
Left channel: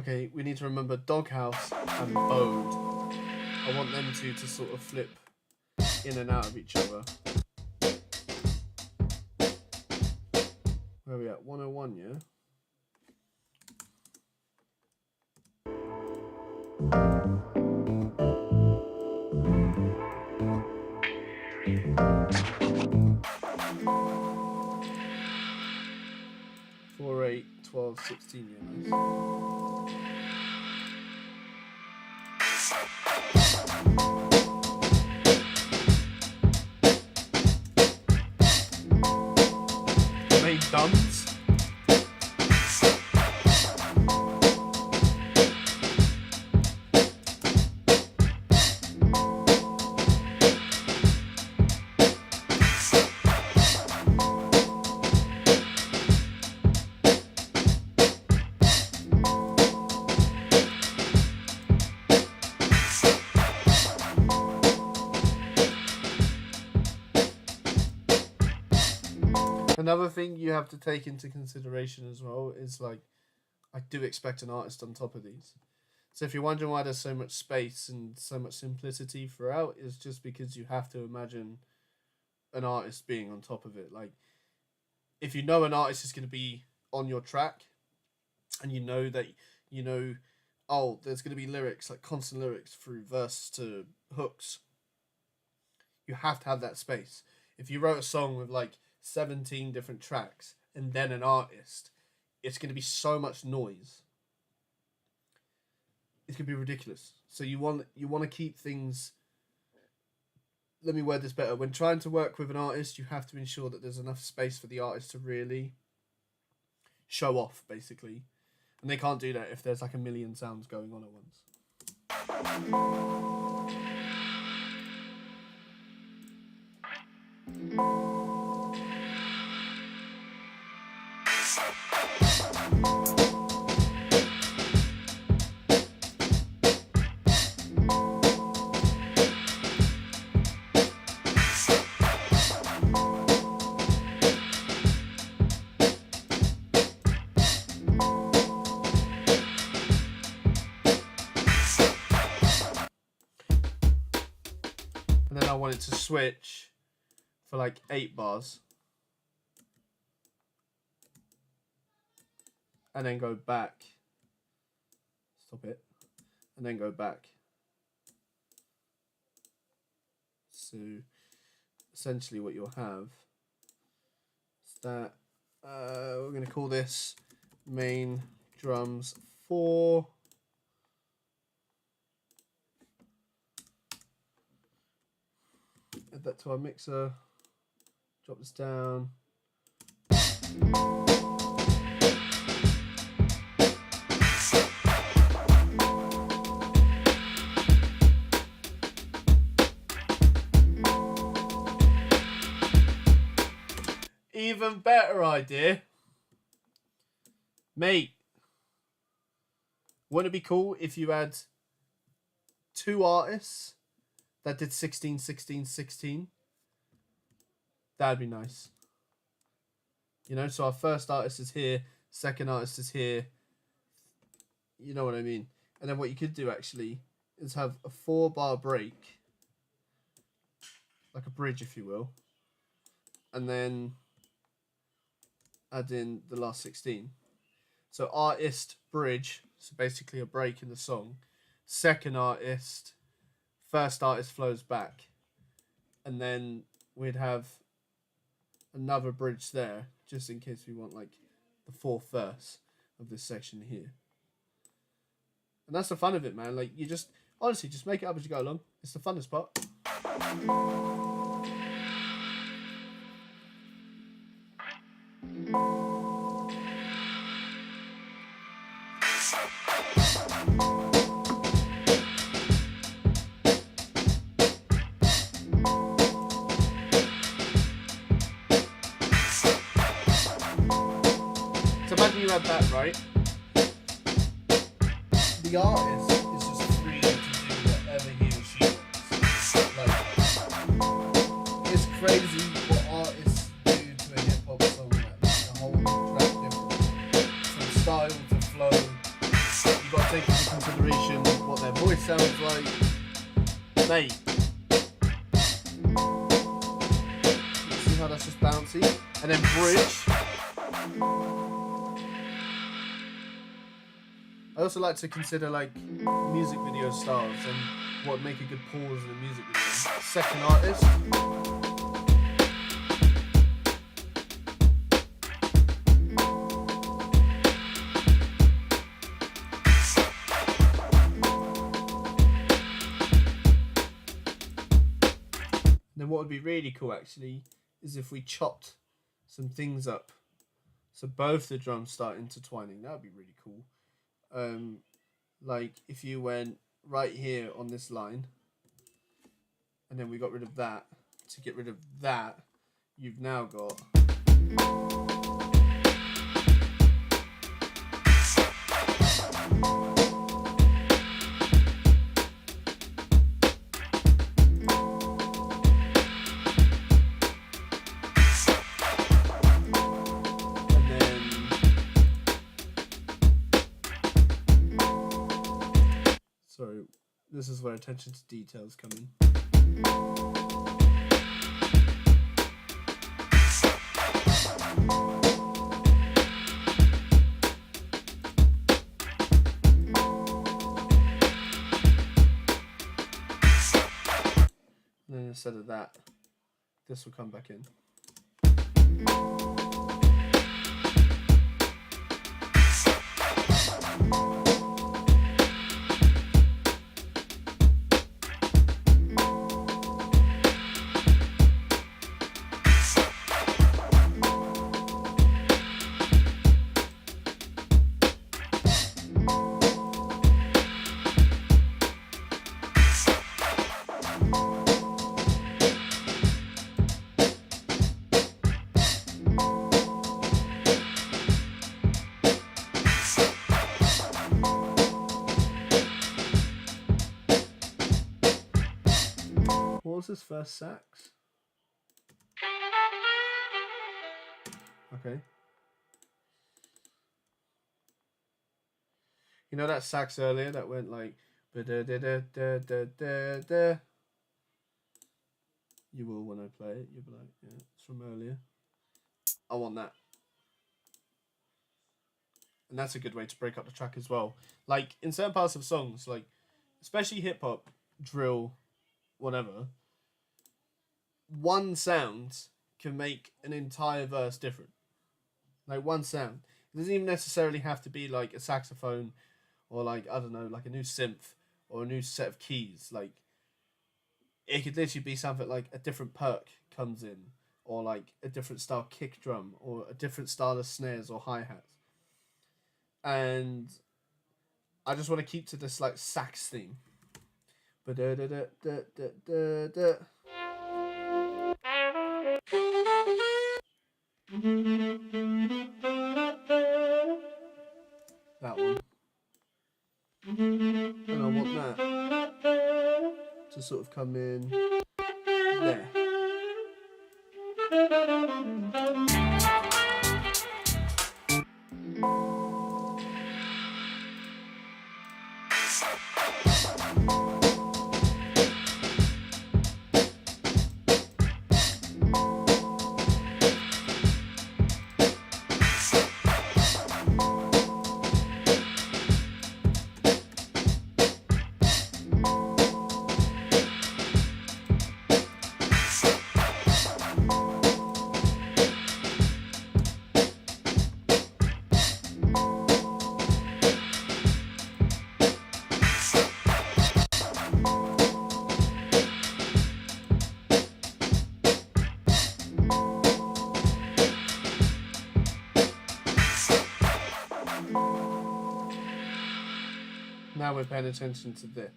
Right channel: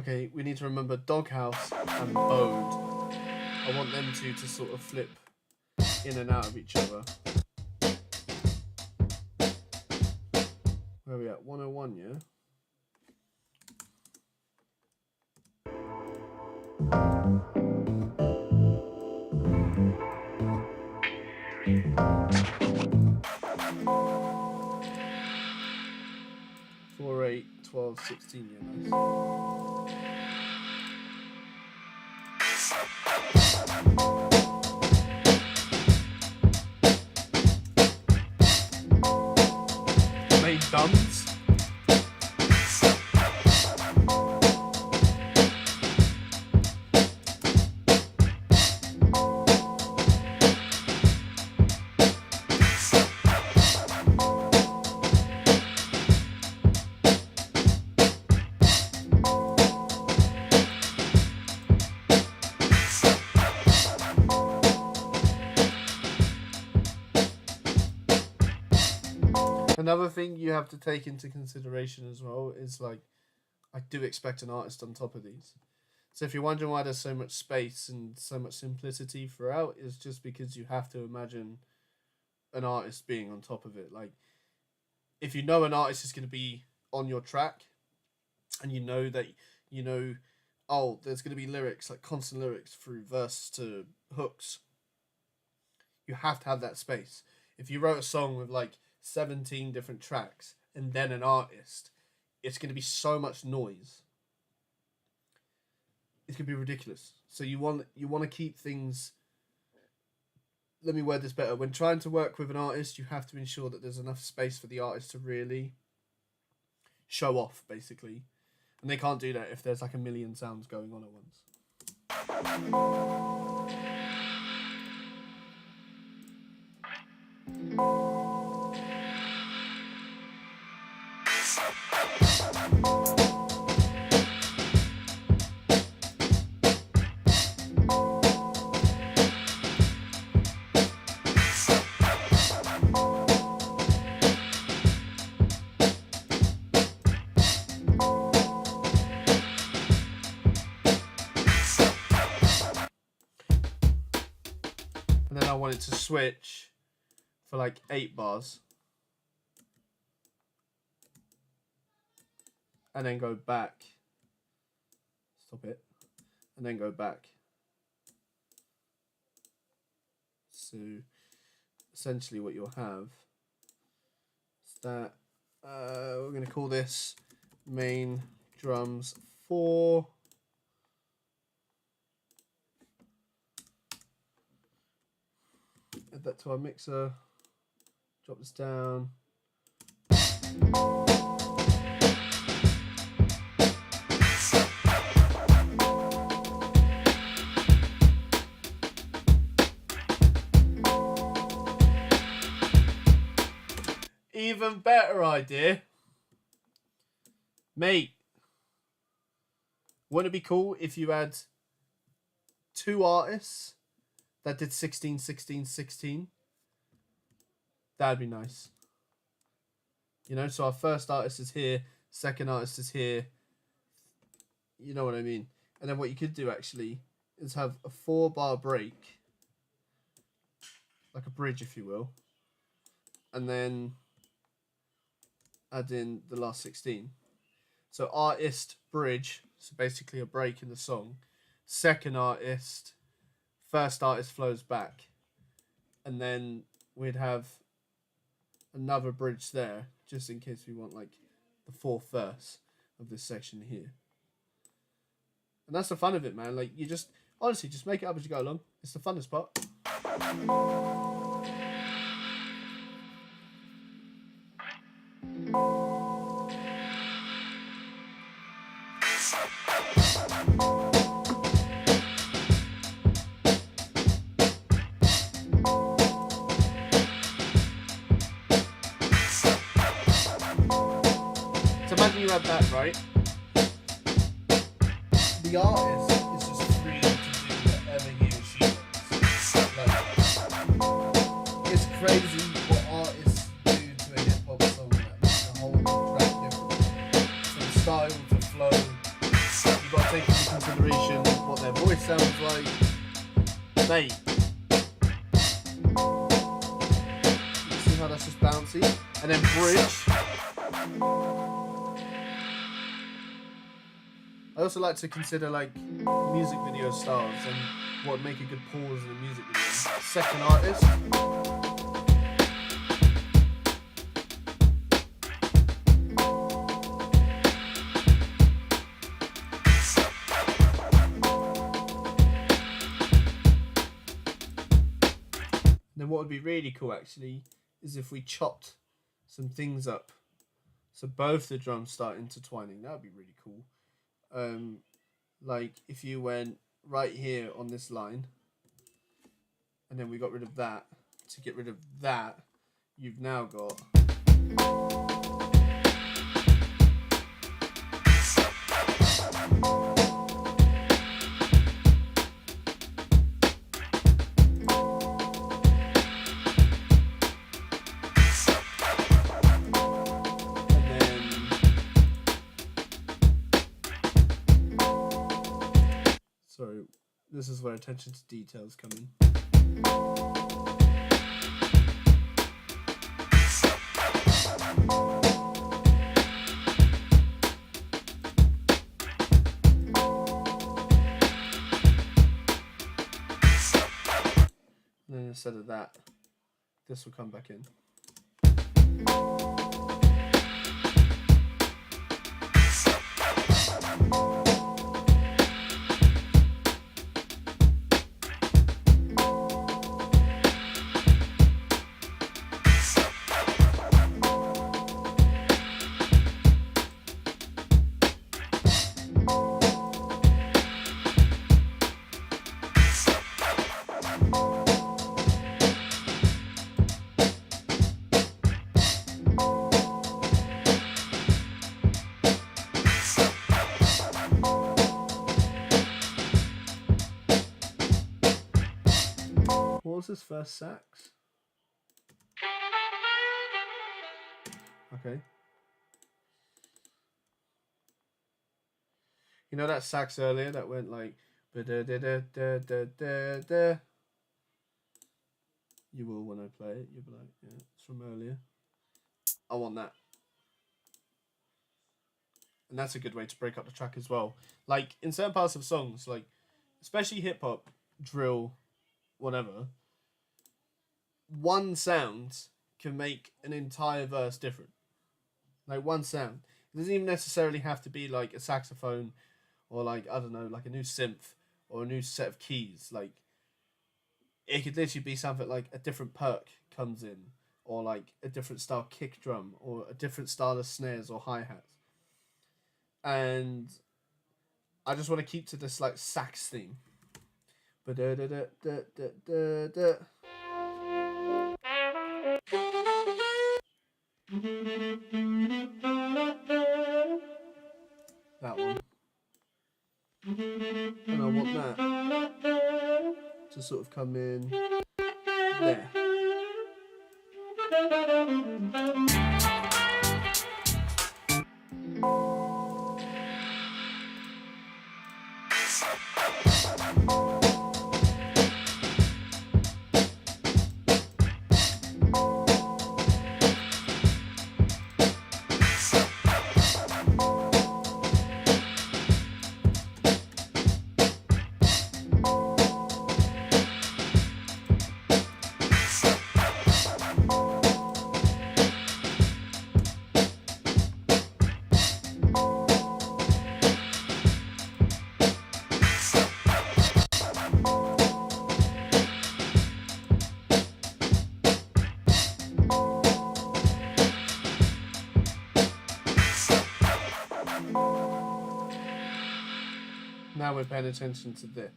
Okay, we need to remember Doghouse and Bode. I want them two to sort of flip in and out of each other. Where are we at? 101, yeah? Four, 8, 12, 16, yeah, nice. Made duns. Another thing you have to take into consideration as well is, like, I do expect an artist on top of these. So if you're wondering why there's so much space and so much simplicity throughout, it's just because you have to imagine an artist being on top of it. Like, if you know an artist is going to be on your track and you know that, you know, oh, there's going to be lyrics, like constant lyrics through verse to hooks, you have to have that space. If you wrote a song with like 17 different tracks and then an artist, it's going to be so much noise. It's going to be ridiculous. So you want to keep things. Let me word this better. When trying to work with an artist, you have to ensure that there's enough space for the artist to really show off, basically. And they can't do that if there's like a million sounds going on at once. And then I want it to switch for like 8 bars. And then go back. Stop it. And then go back. So essentially what you'll have is that we're going to call this main drums 4. Add that to our mixer. Drop this down. Even better idea. Mate, wouldn't it be cool if you had 2 artists that did 16, 16, 16? That'd be nice. You know, so our first artist is here, second artist is here. You know what I mean? And then what you could do actually is have a 4-bar break, like a bridge, if you will, and then add in the last 16. So artist, bridge, so basically a break in the song. Second artist, first artist flows back. And then we'd have another bridge there, just in case we want like the 4th verse of this section here. And that's the fun of it, man. Like, you just, honestly, just make it up as you go along. It's the funnest part. So imagine you had that, right? The artist is just free to do whatever he or she wants. Like, it's crazy what artists do to a hip hop song that makes the whole track different. From style to flow, you've got to take into consideration what their voice sounds like. Mate, you see how that's just bouncy? And then bridge. I also like to consider like music video styles and what would make a good pause in a music video. Second artist. Then what would be really cool actually is if we chopped some things up. So both the drums start intertwining. That would be really cool. Like if you went right here on this line and then we got rid of that. To get rid of that, you've now got this is where attention to details come in. And then instead of that, this will come back in. What was his first sax? Okay. You know that sax earlier that went like da da da da da da da. You will when I play it. You'll be like, yeah, it's from earlier. I want that. And that's a good way to break up the track as well. Like, in certain parts of songs, like, especially hip-hop, drill, whatever, one sound can make an entire verse different. Like, one sound. It doesn't even necessarily have to be, like, a saxophone or, like, I don't know, like a new synth or a new set of keys. Like, it could literally be something like a different perk comes in, or, like, a different style kick drum, or a different style of snares or hi-hats. And I just want to keep to this like sax theme. That one. And I want that to sort of come in there. Now we're paying attention to this.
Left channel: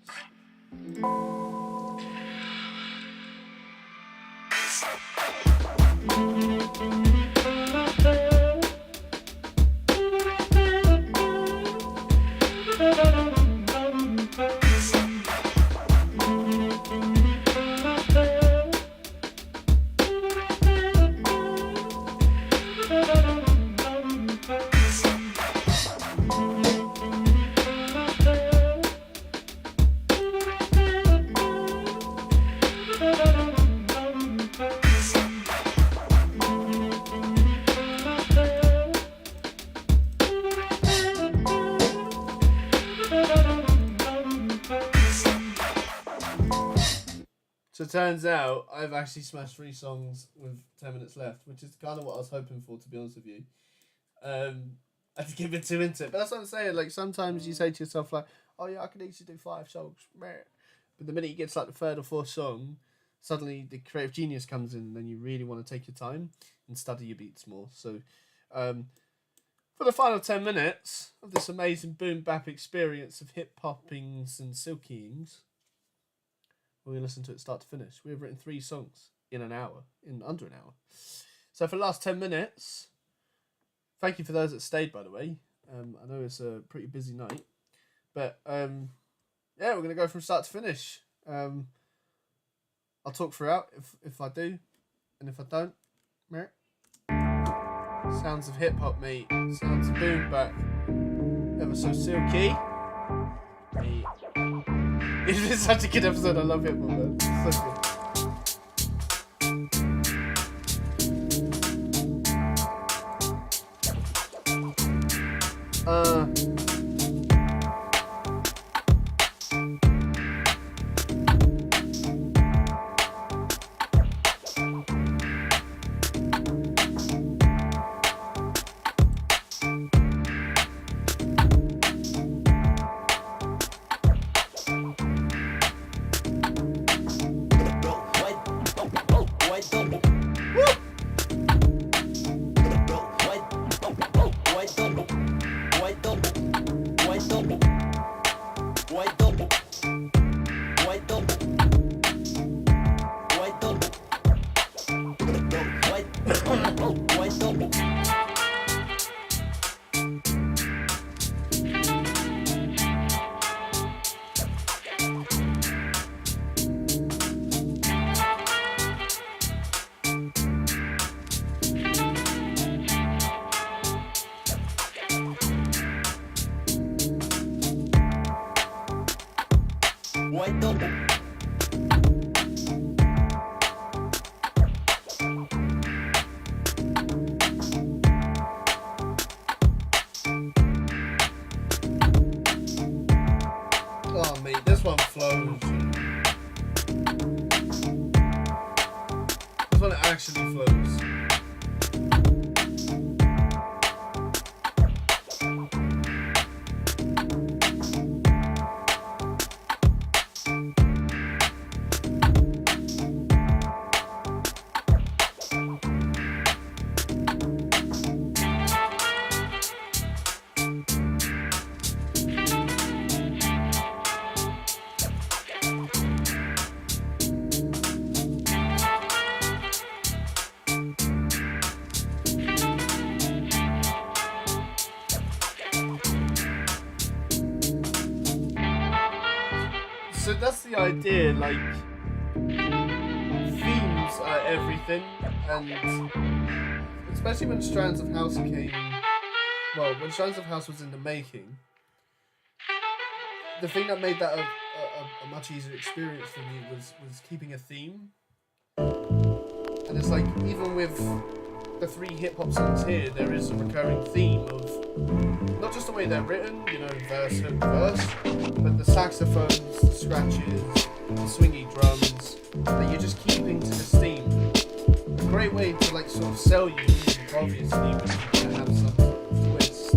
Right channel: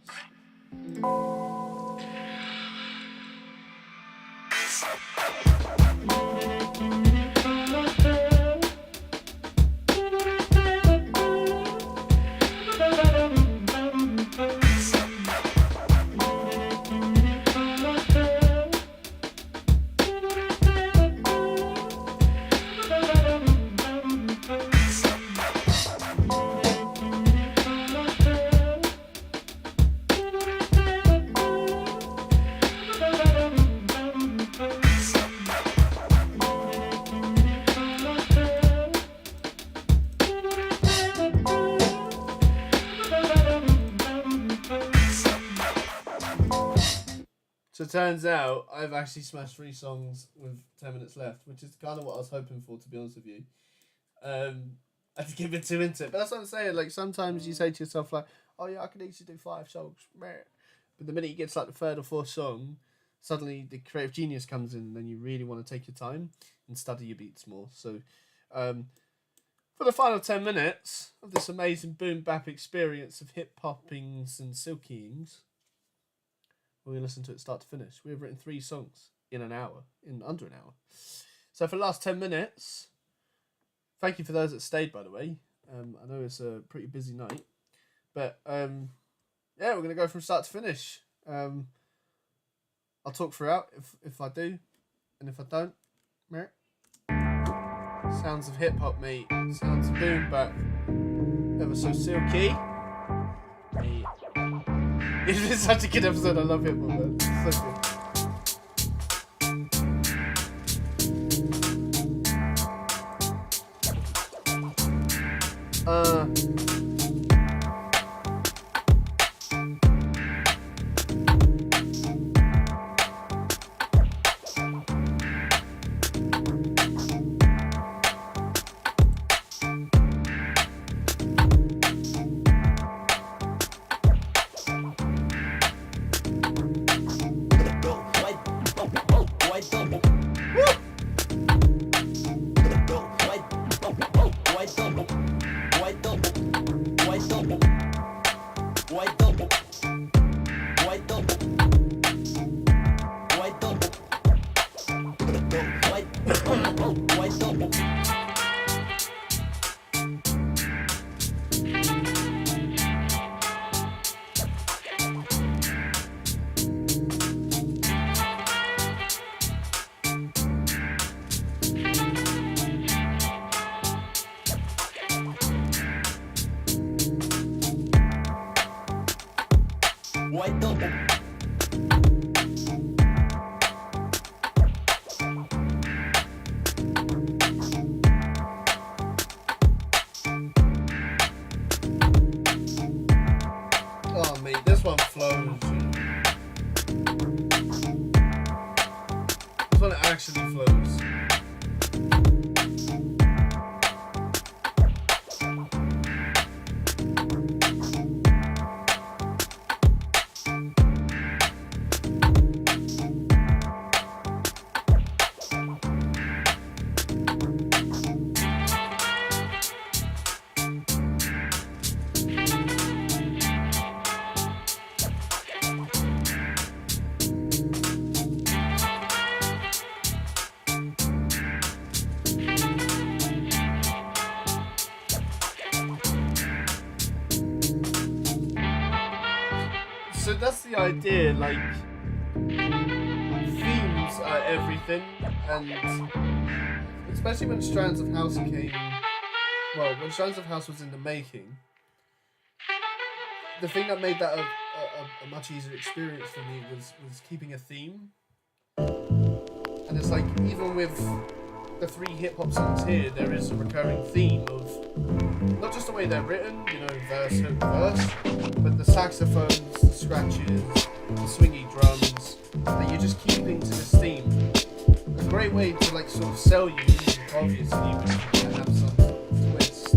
So it turns out I've actually smashed 3 songs with 10 minutes left, which is kind of what I was hoping for, to be honest with you. I had to give it 2 into it. But that's what I'm saying. Like, sometimes you say to yourself, like, oh yeah, I could easily do 5 songs. But the minute you get to like the 3rd or 4th song, suddenly the creative genius comes in, and then you really want to take your time and study your beats more. So for the final 10 minutes of this amazing boom bap experience of hip hoppings and silkyings, we're going to listen to it start to finish. We've written 3 songs in under an hour. So for the last 10 minutes, thank you for those that stayed, by the way. I know it's a pretty busy night. But, yeah, we're going to go from start to finish. I'll talk throughout if I do. And if I don't, meh. Sounds of hip-hop, mate. Sounds of boom bap. Ever so silky. Mate. It's been such a good episode. I love hip-hop, man. It's so good. this one flows. This one actually flows. So that's the idea, like, themes are everything, and especially when Strands of House came, well, when Strands of House was in the making, the thing that made that a much easier experience for me was keeping a theme. And it's like, even with the 3 hip-hop songs here, there is a recurring theme of not just the way they're written, you know, verse, hook, verse, but the saxophones, the scratches, the swingy drums, that you're just keeping to this theme. A great way to, like, sort of sell you music, obviously, but you can have some sort of twist.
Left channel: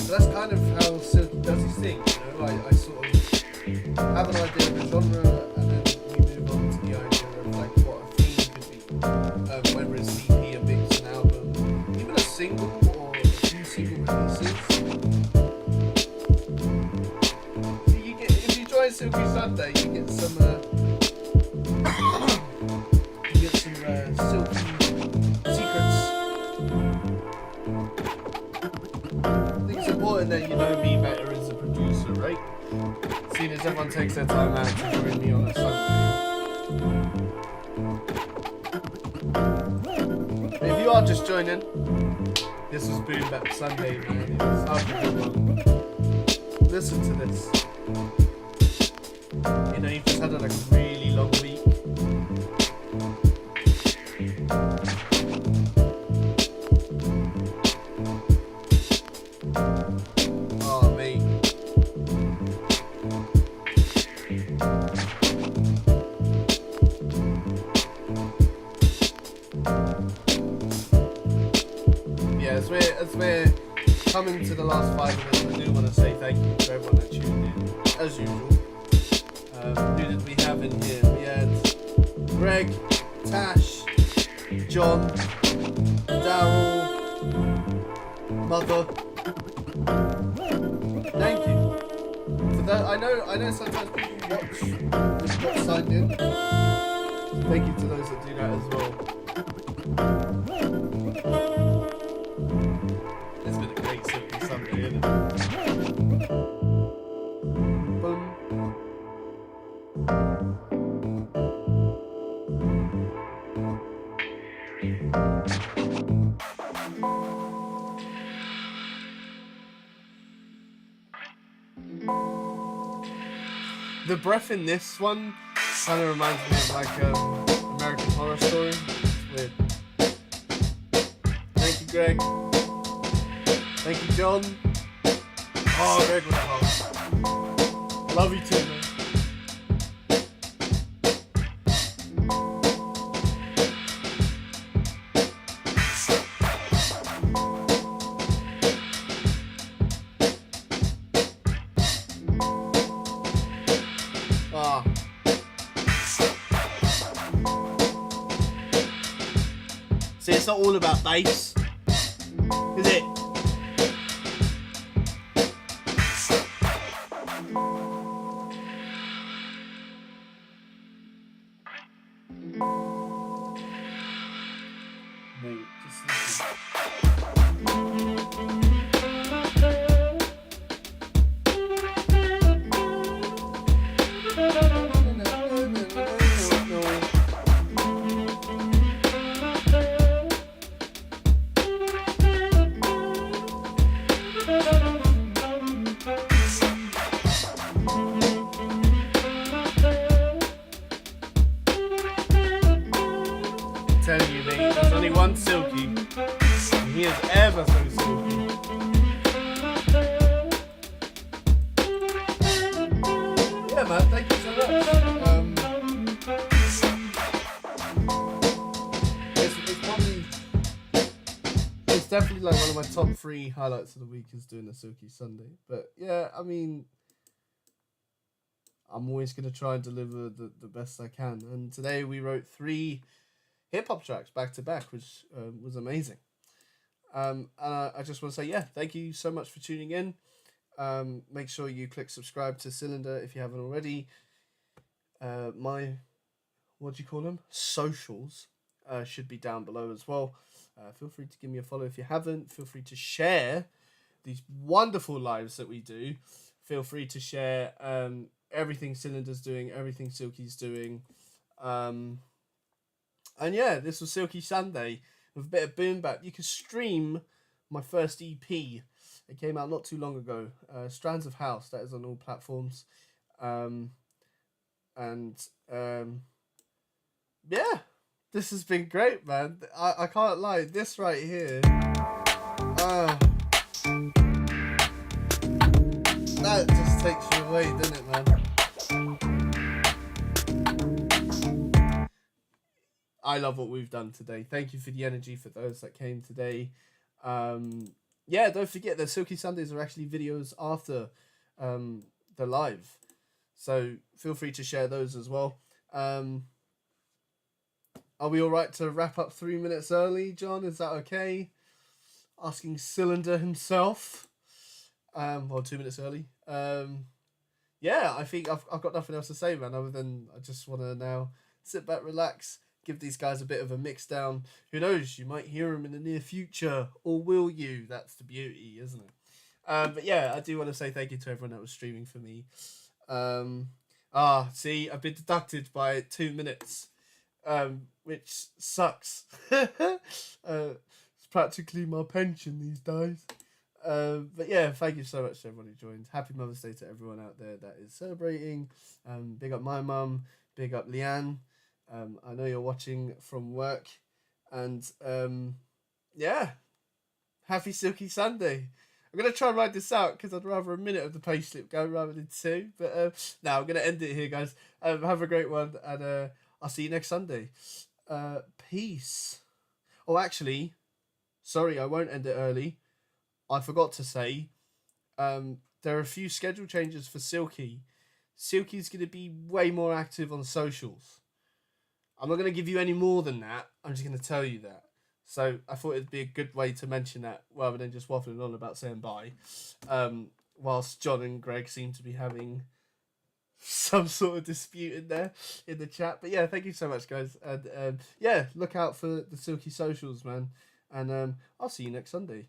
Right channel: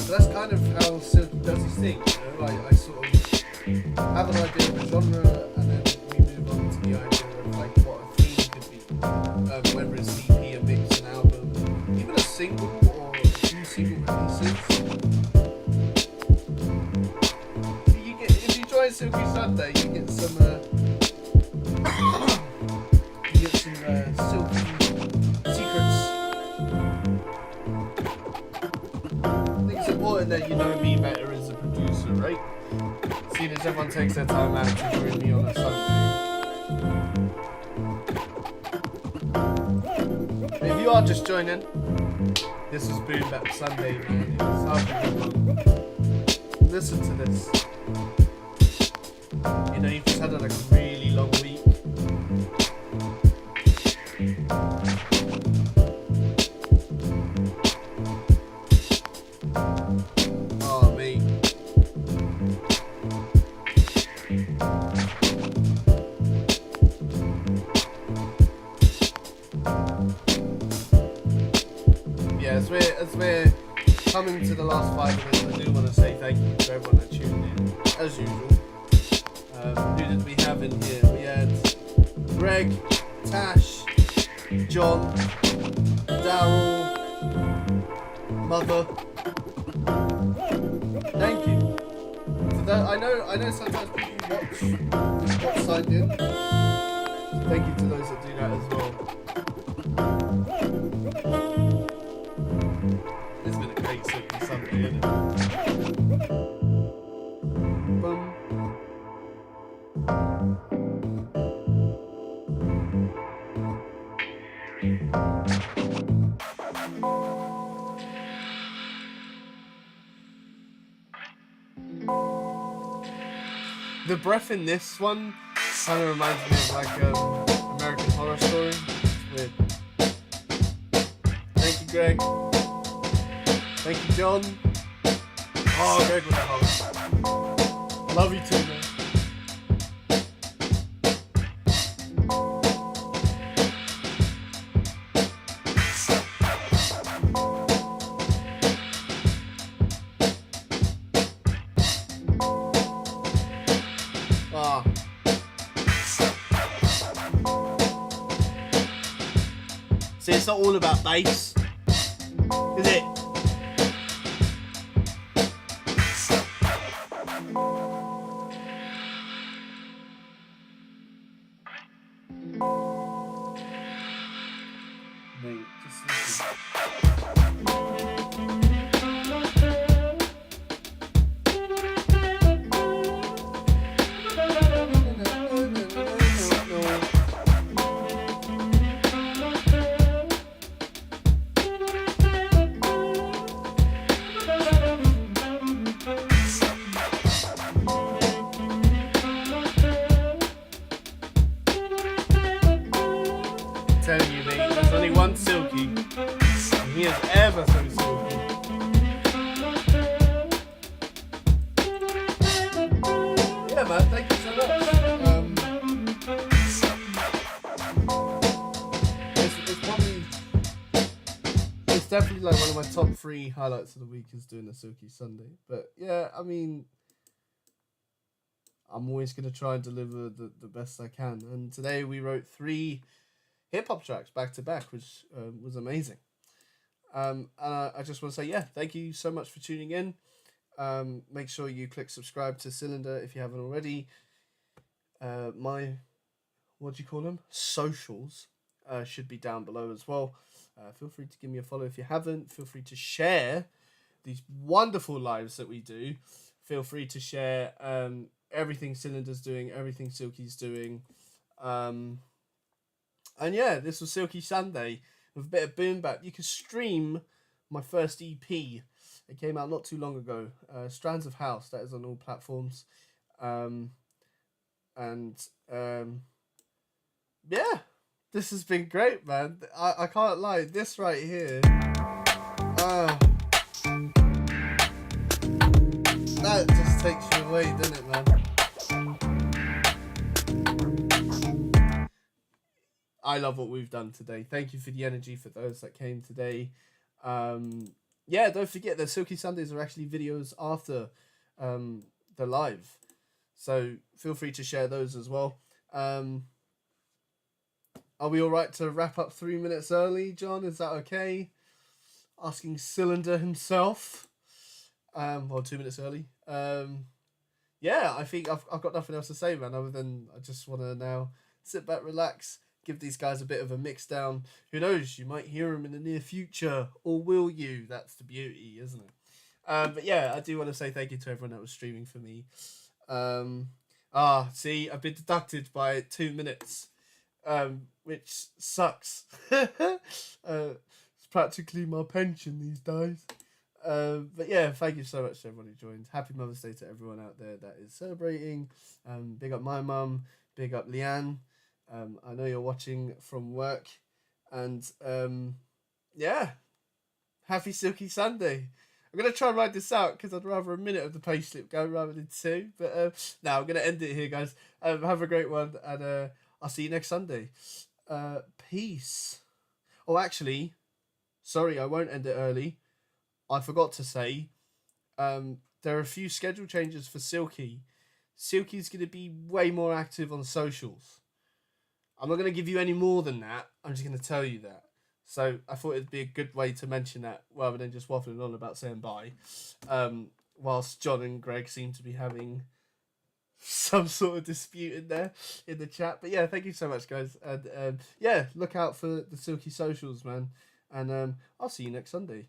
So that's kind of how Silky does his thing, you know, I sort of have an idea of a genre, and then we move on to the idea of, like, what a theme could be, whether it's an EP, a mix, an album, even a single or a few single releases. So you get, if you join Silky Sunday, you get some Silky secrets. I think it's important that you know me better as a producer, right? Seeing as everyone takes their time out to join me on a Sunday. But if you are just joining, this was Boom Bap Sunday, man. It was half a good one. Listen to this. You know, you've just had like a really long week. Oh, mate. Yeah, as we're coming to the last 5 minutes, I do want to say thank you to everyone that tuned in, as usual. Who did we have in here? We had Greg, Tash, John, Daryl, Mother. Thank you for that. I know sometimes people watch who've not signed in. So thank you to those that do that as well. It's been a great Silky Sunday, isn't it? Boom. The breath in this one kind of reminds me of like American Horror Story. It's weird. Thank you, Greg. Thank you, John. Oh, Greg with a heart. I love you too, man. Ah. See, it's not all about bass, is it? Mate, just listen. Telling you, mate, there's only one Silky, and he is ever so silky. man, thank you so much. It's definitely like one of my top 3 highlights of the week is doing a Silky Sunday. But yeah, I mean, I'm always going to try and deliver the best I can. And today we wrote 3 hip-hop tracks back to back, which was amazing. And I just want to say, yeah, thank you so much for tuning in. Make sure you click subscribe to Tsilindr if you haven't already. My, what do you call them? Socials should be down below as well. Feel free to give me a follow if you haven't. Feel free to share these wonderful lives that we do. Feel free to share everything Tsilindr's doing, everything Silky's doing. And yeah, this was Silky Sunday with a bit of boom bap. You can stream my first EP. It came out not too long ago. Strands of House. That is on all platforms. Yeah, this has been great, man. I can't lie. This right here. That just takes you away, doesn't it, man? I love what we've done today. Thank you for the energy for those that came today. Yeah, don't forget that Silky Sundays are actually videos after the live. So feel free to share those as well. Are we all right to wrap up 3 minutes early, John? Is that okay? Asking Tsilindr himself. Well, 2 minutes early. Yeah, I think I've got nothing else to say, man, other than I just want to now sit back, relax, give these guys a bit of a mix down. Who knows, you might hear them in the near future, or will you? That's the beauty, isn't it? But yeah, I do want to say thank you to everyone that was streaming for me. See, I've been deducted by 2 minutes, which sucks. It's practically my pension these days. But yeah, thank you so much to everyone who joined. Happy Mother's Day to everyone out there that is celebrating. Big up my mum, big up Leanne. I know you're watching from work. And yeah, happy Silky Sunday. I'm going to try and write this out because I'd rather a minute of the payslip go rather than 2. But no, I'm going to end it here, guys. Have a great one, and I'll see you next Sunday. Peace. Oh, actually, sorry, I won't end it early. I forgot to say, there are a few schedule changes for Silky. Silky's going to be way more active on socials. I'm not going to give you any more than that. I'm just going to tell you that. So I thought it'd be a good way to mention that rather than just waffling on about saying bye. Whilst John and Greg seem to be having some sort of dispute in there in the chat. But yeah, thank you so much, guys. And yeah, look out for the Silky socials, man. And I'll see you next Sunday.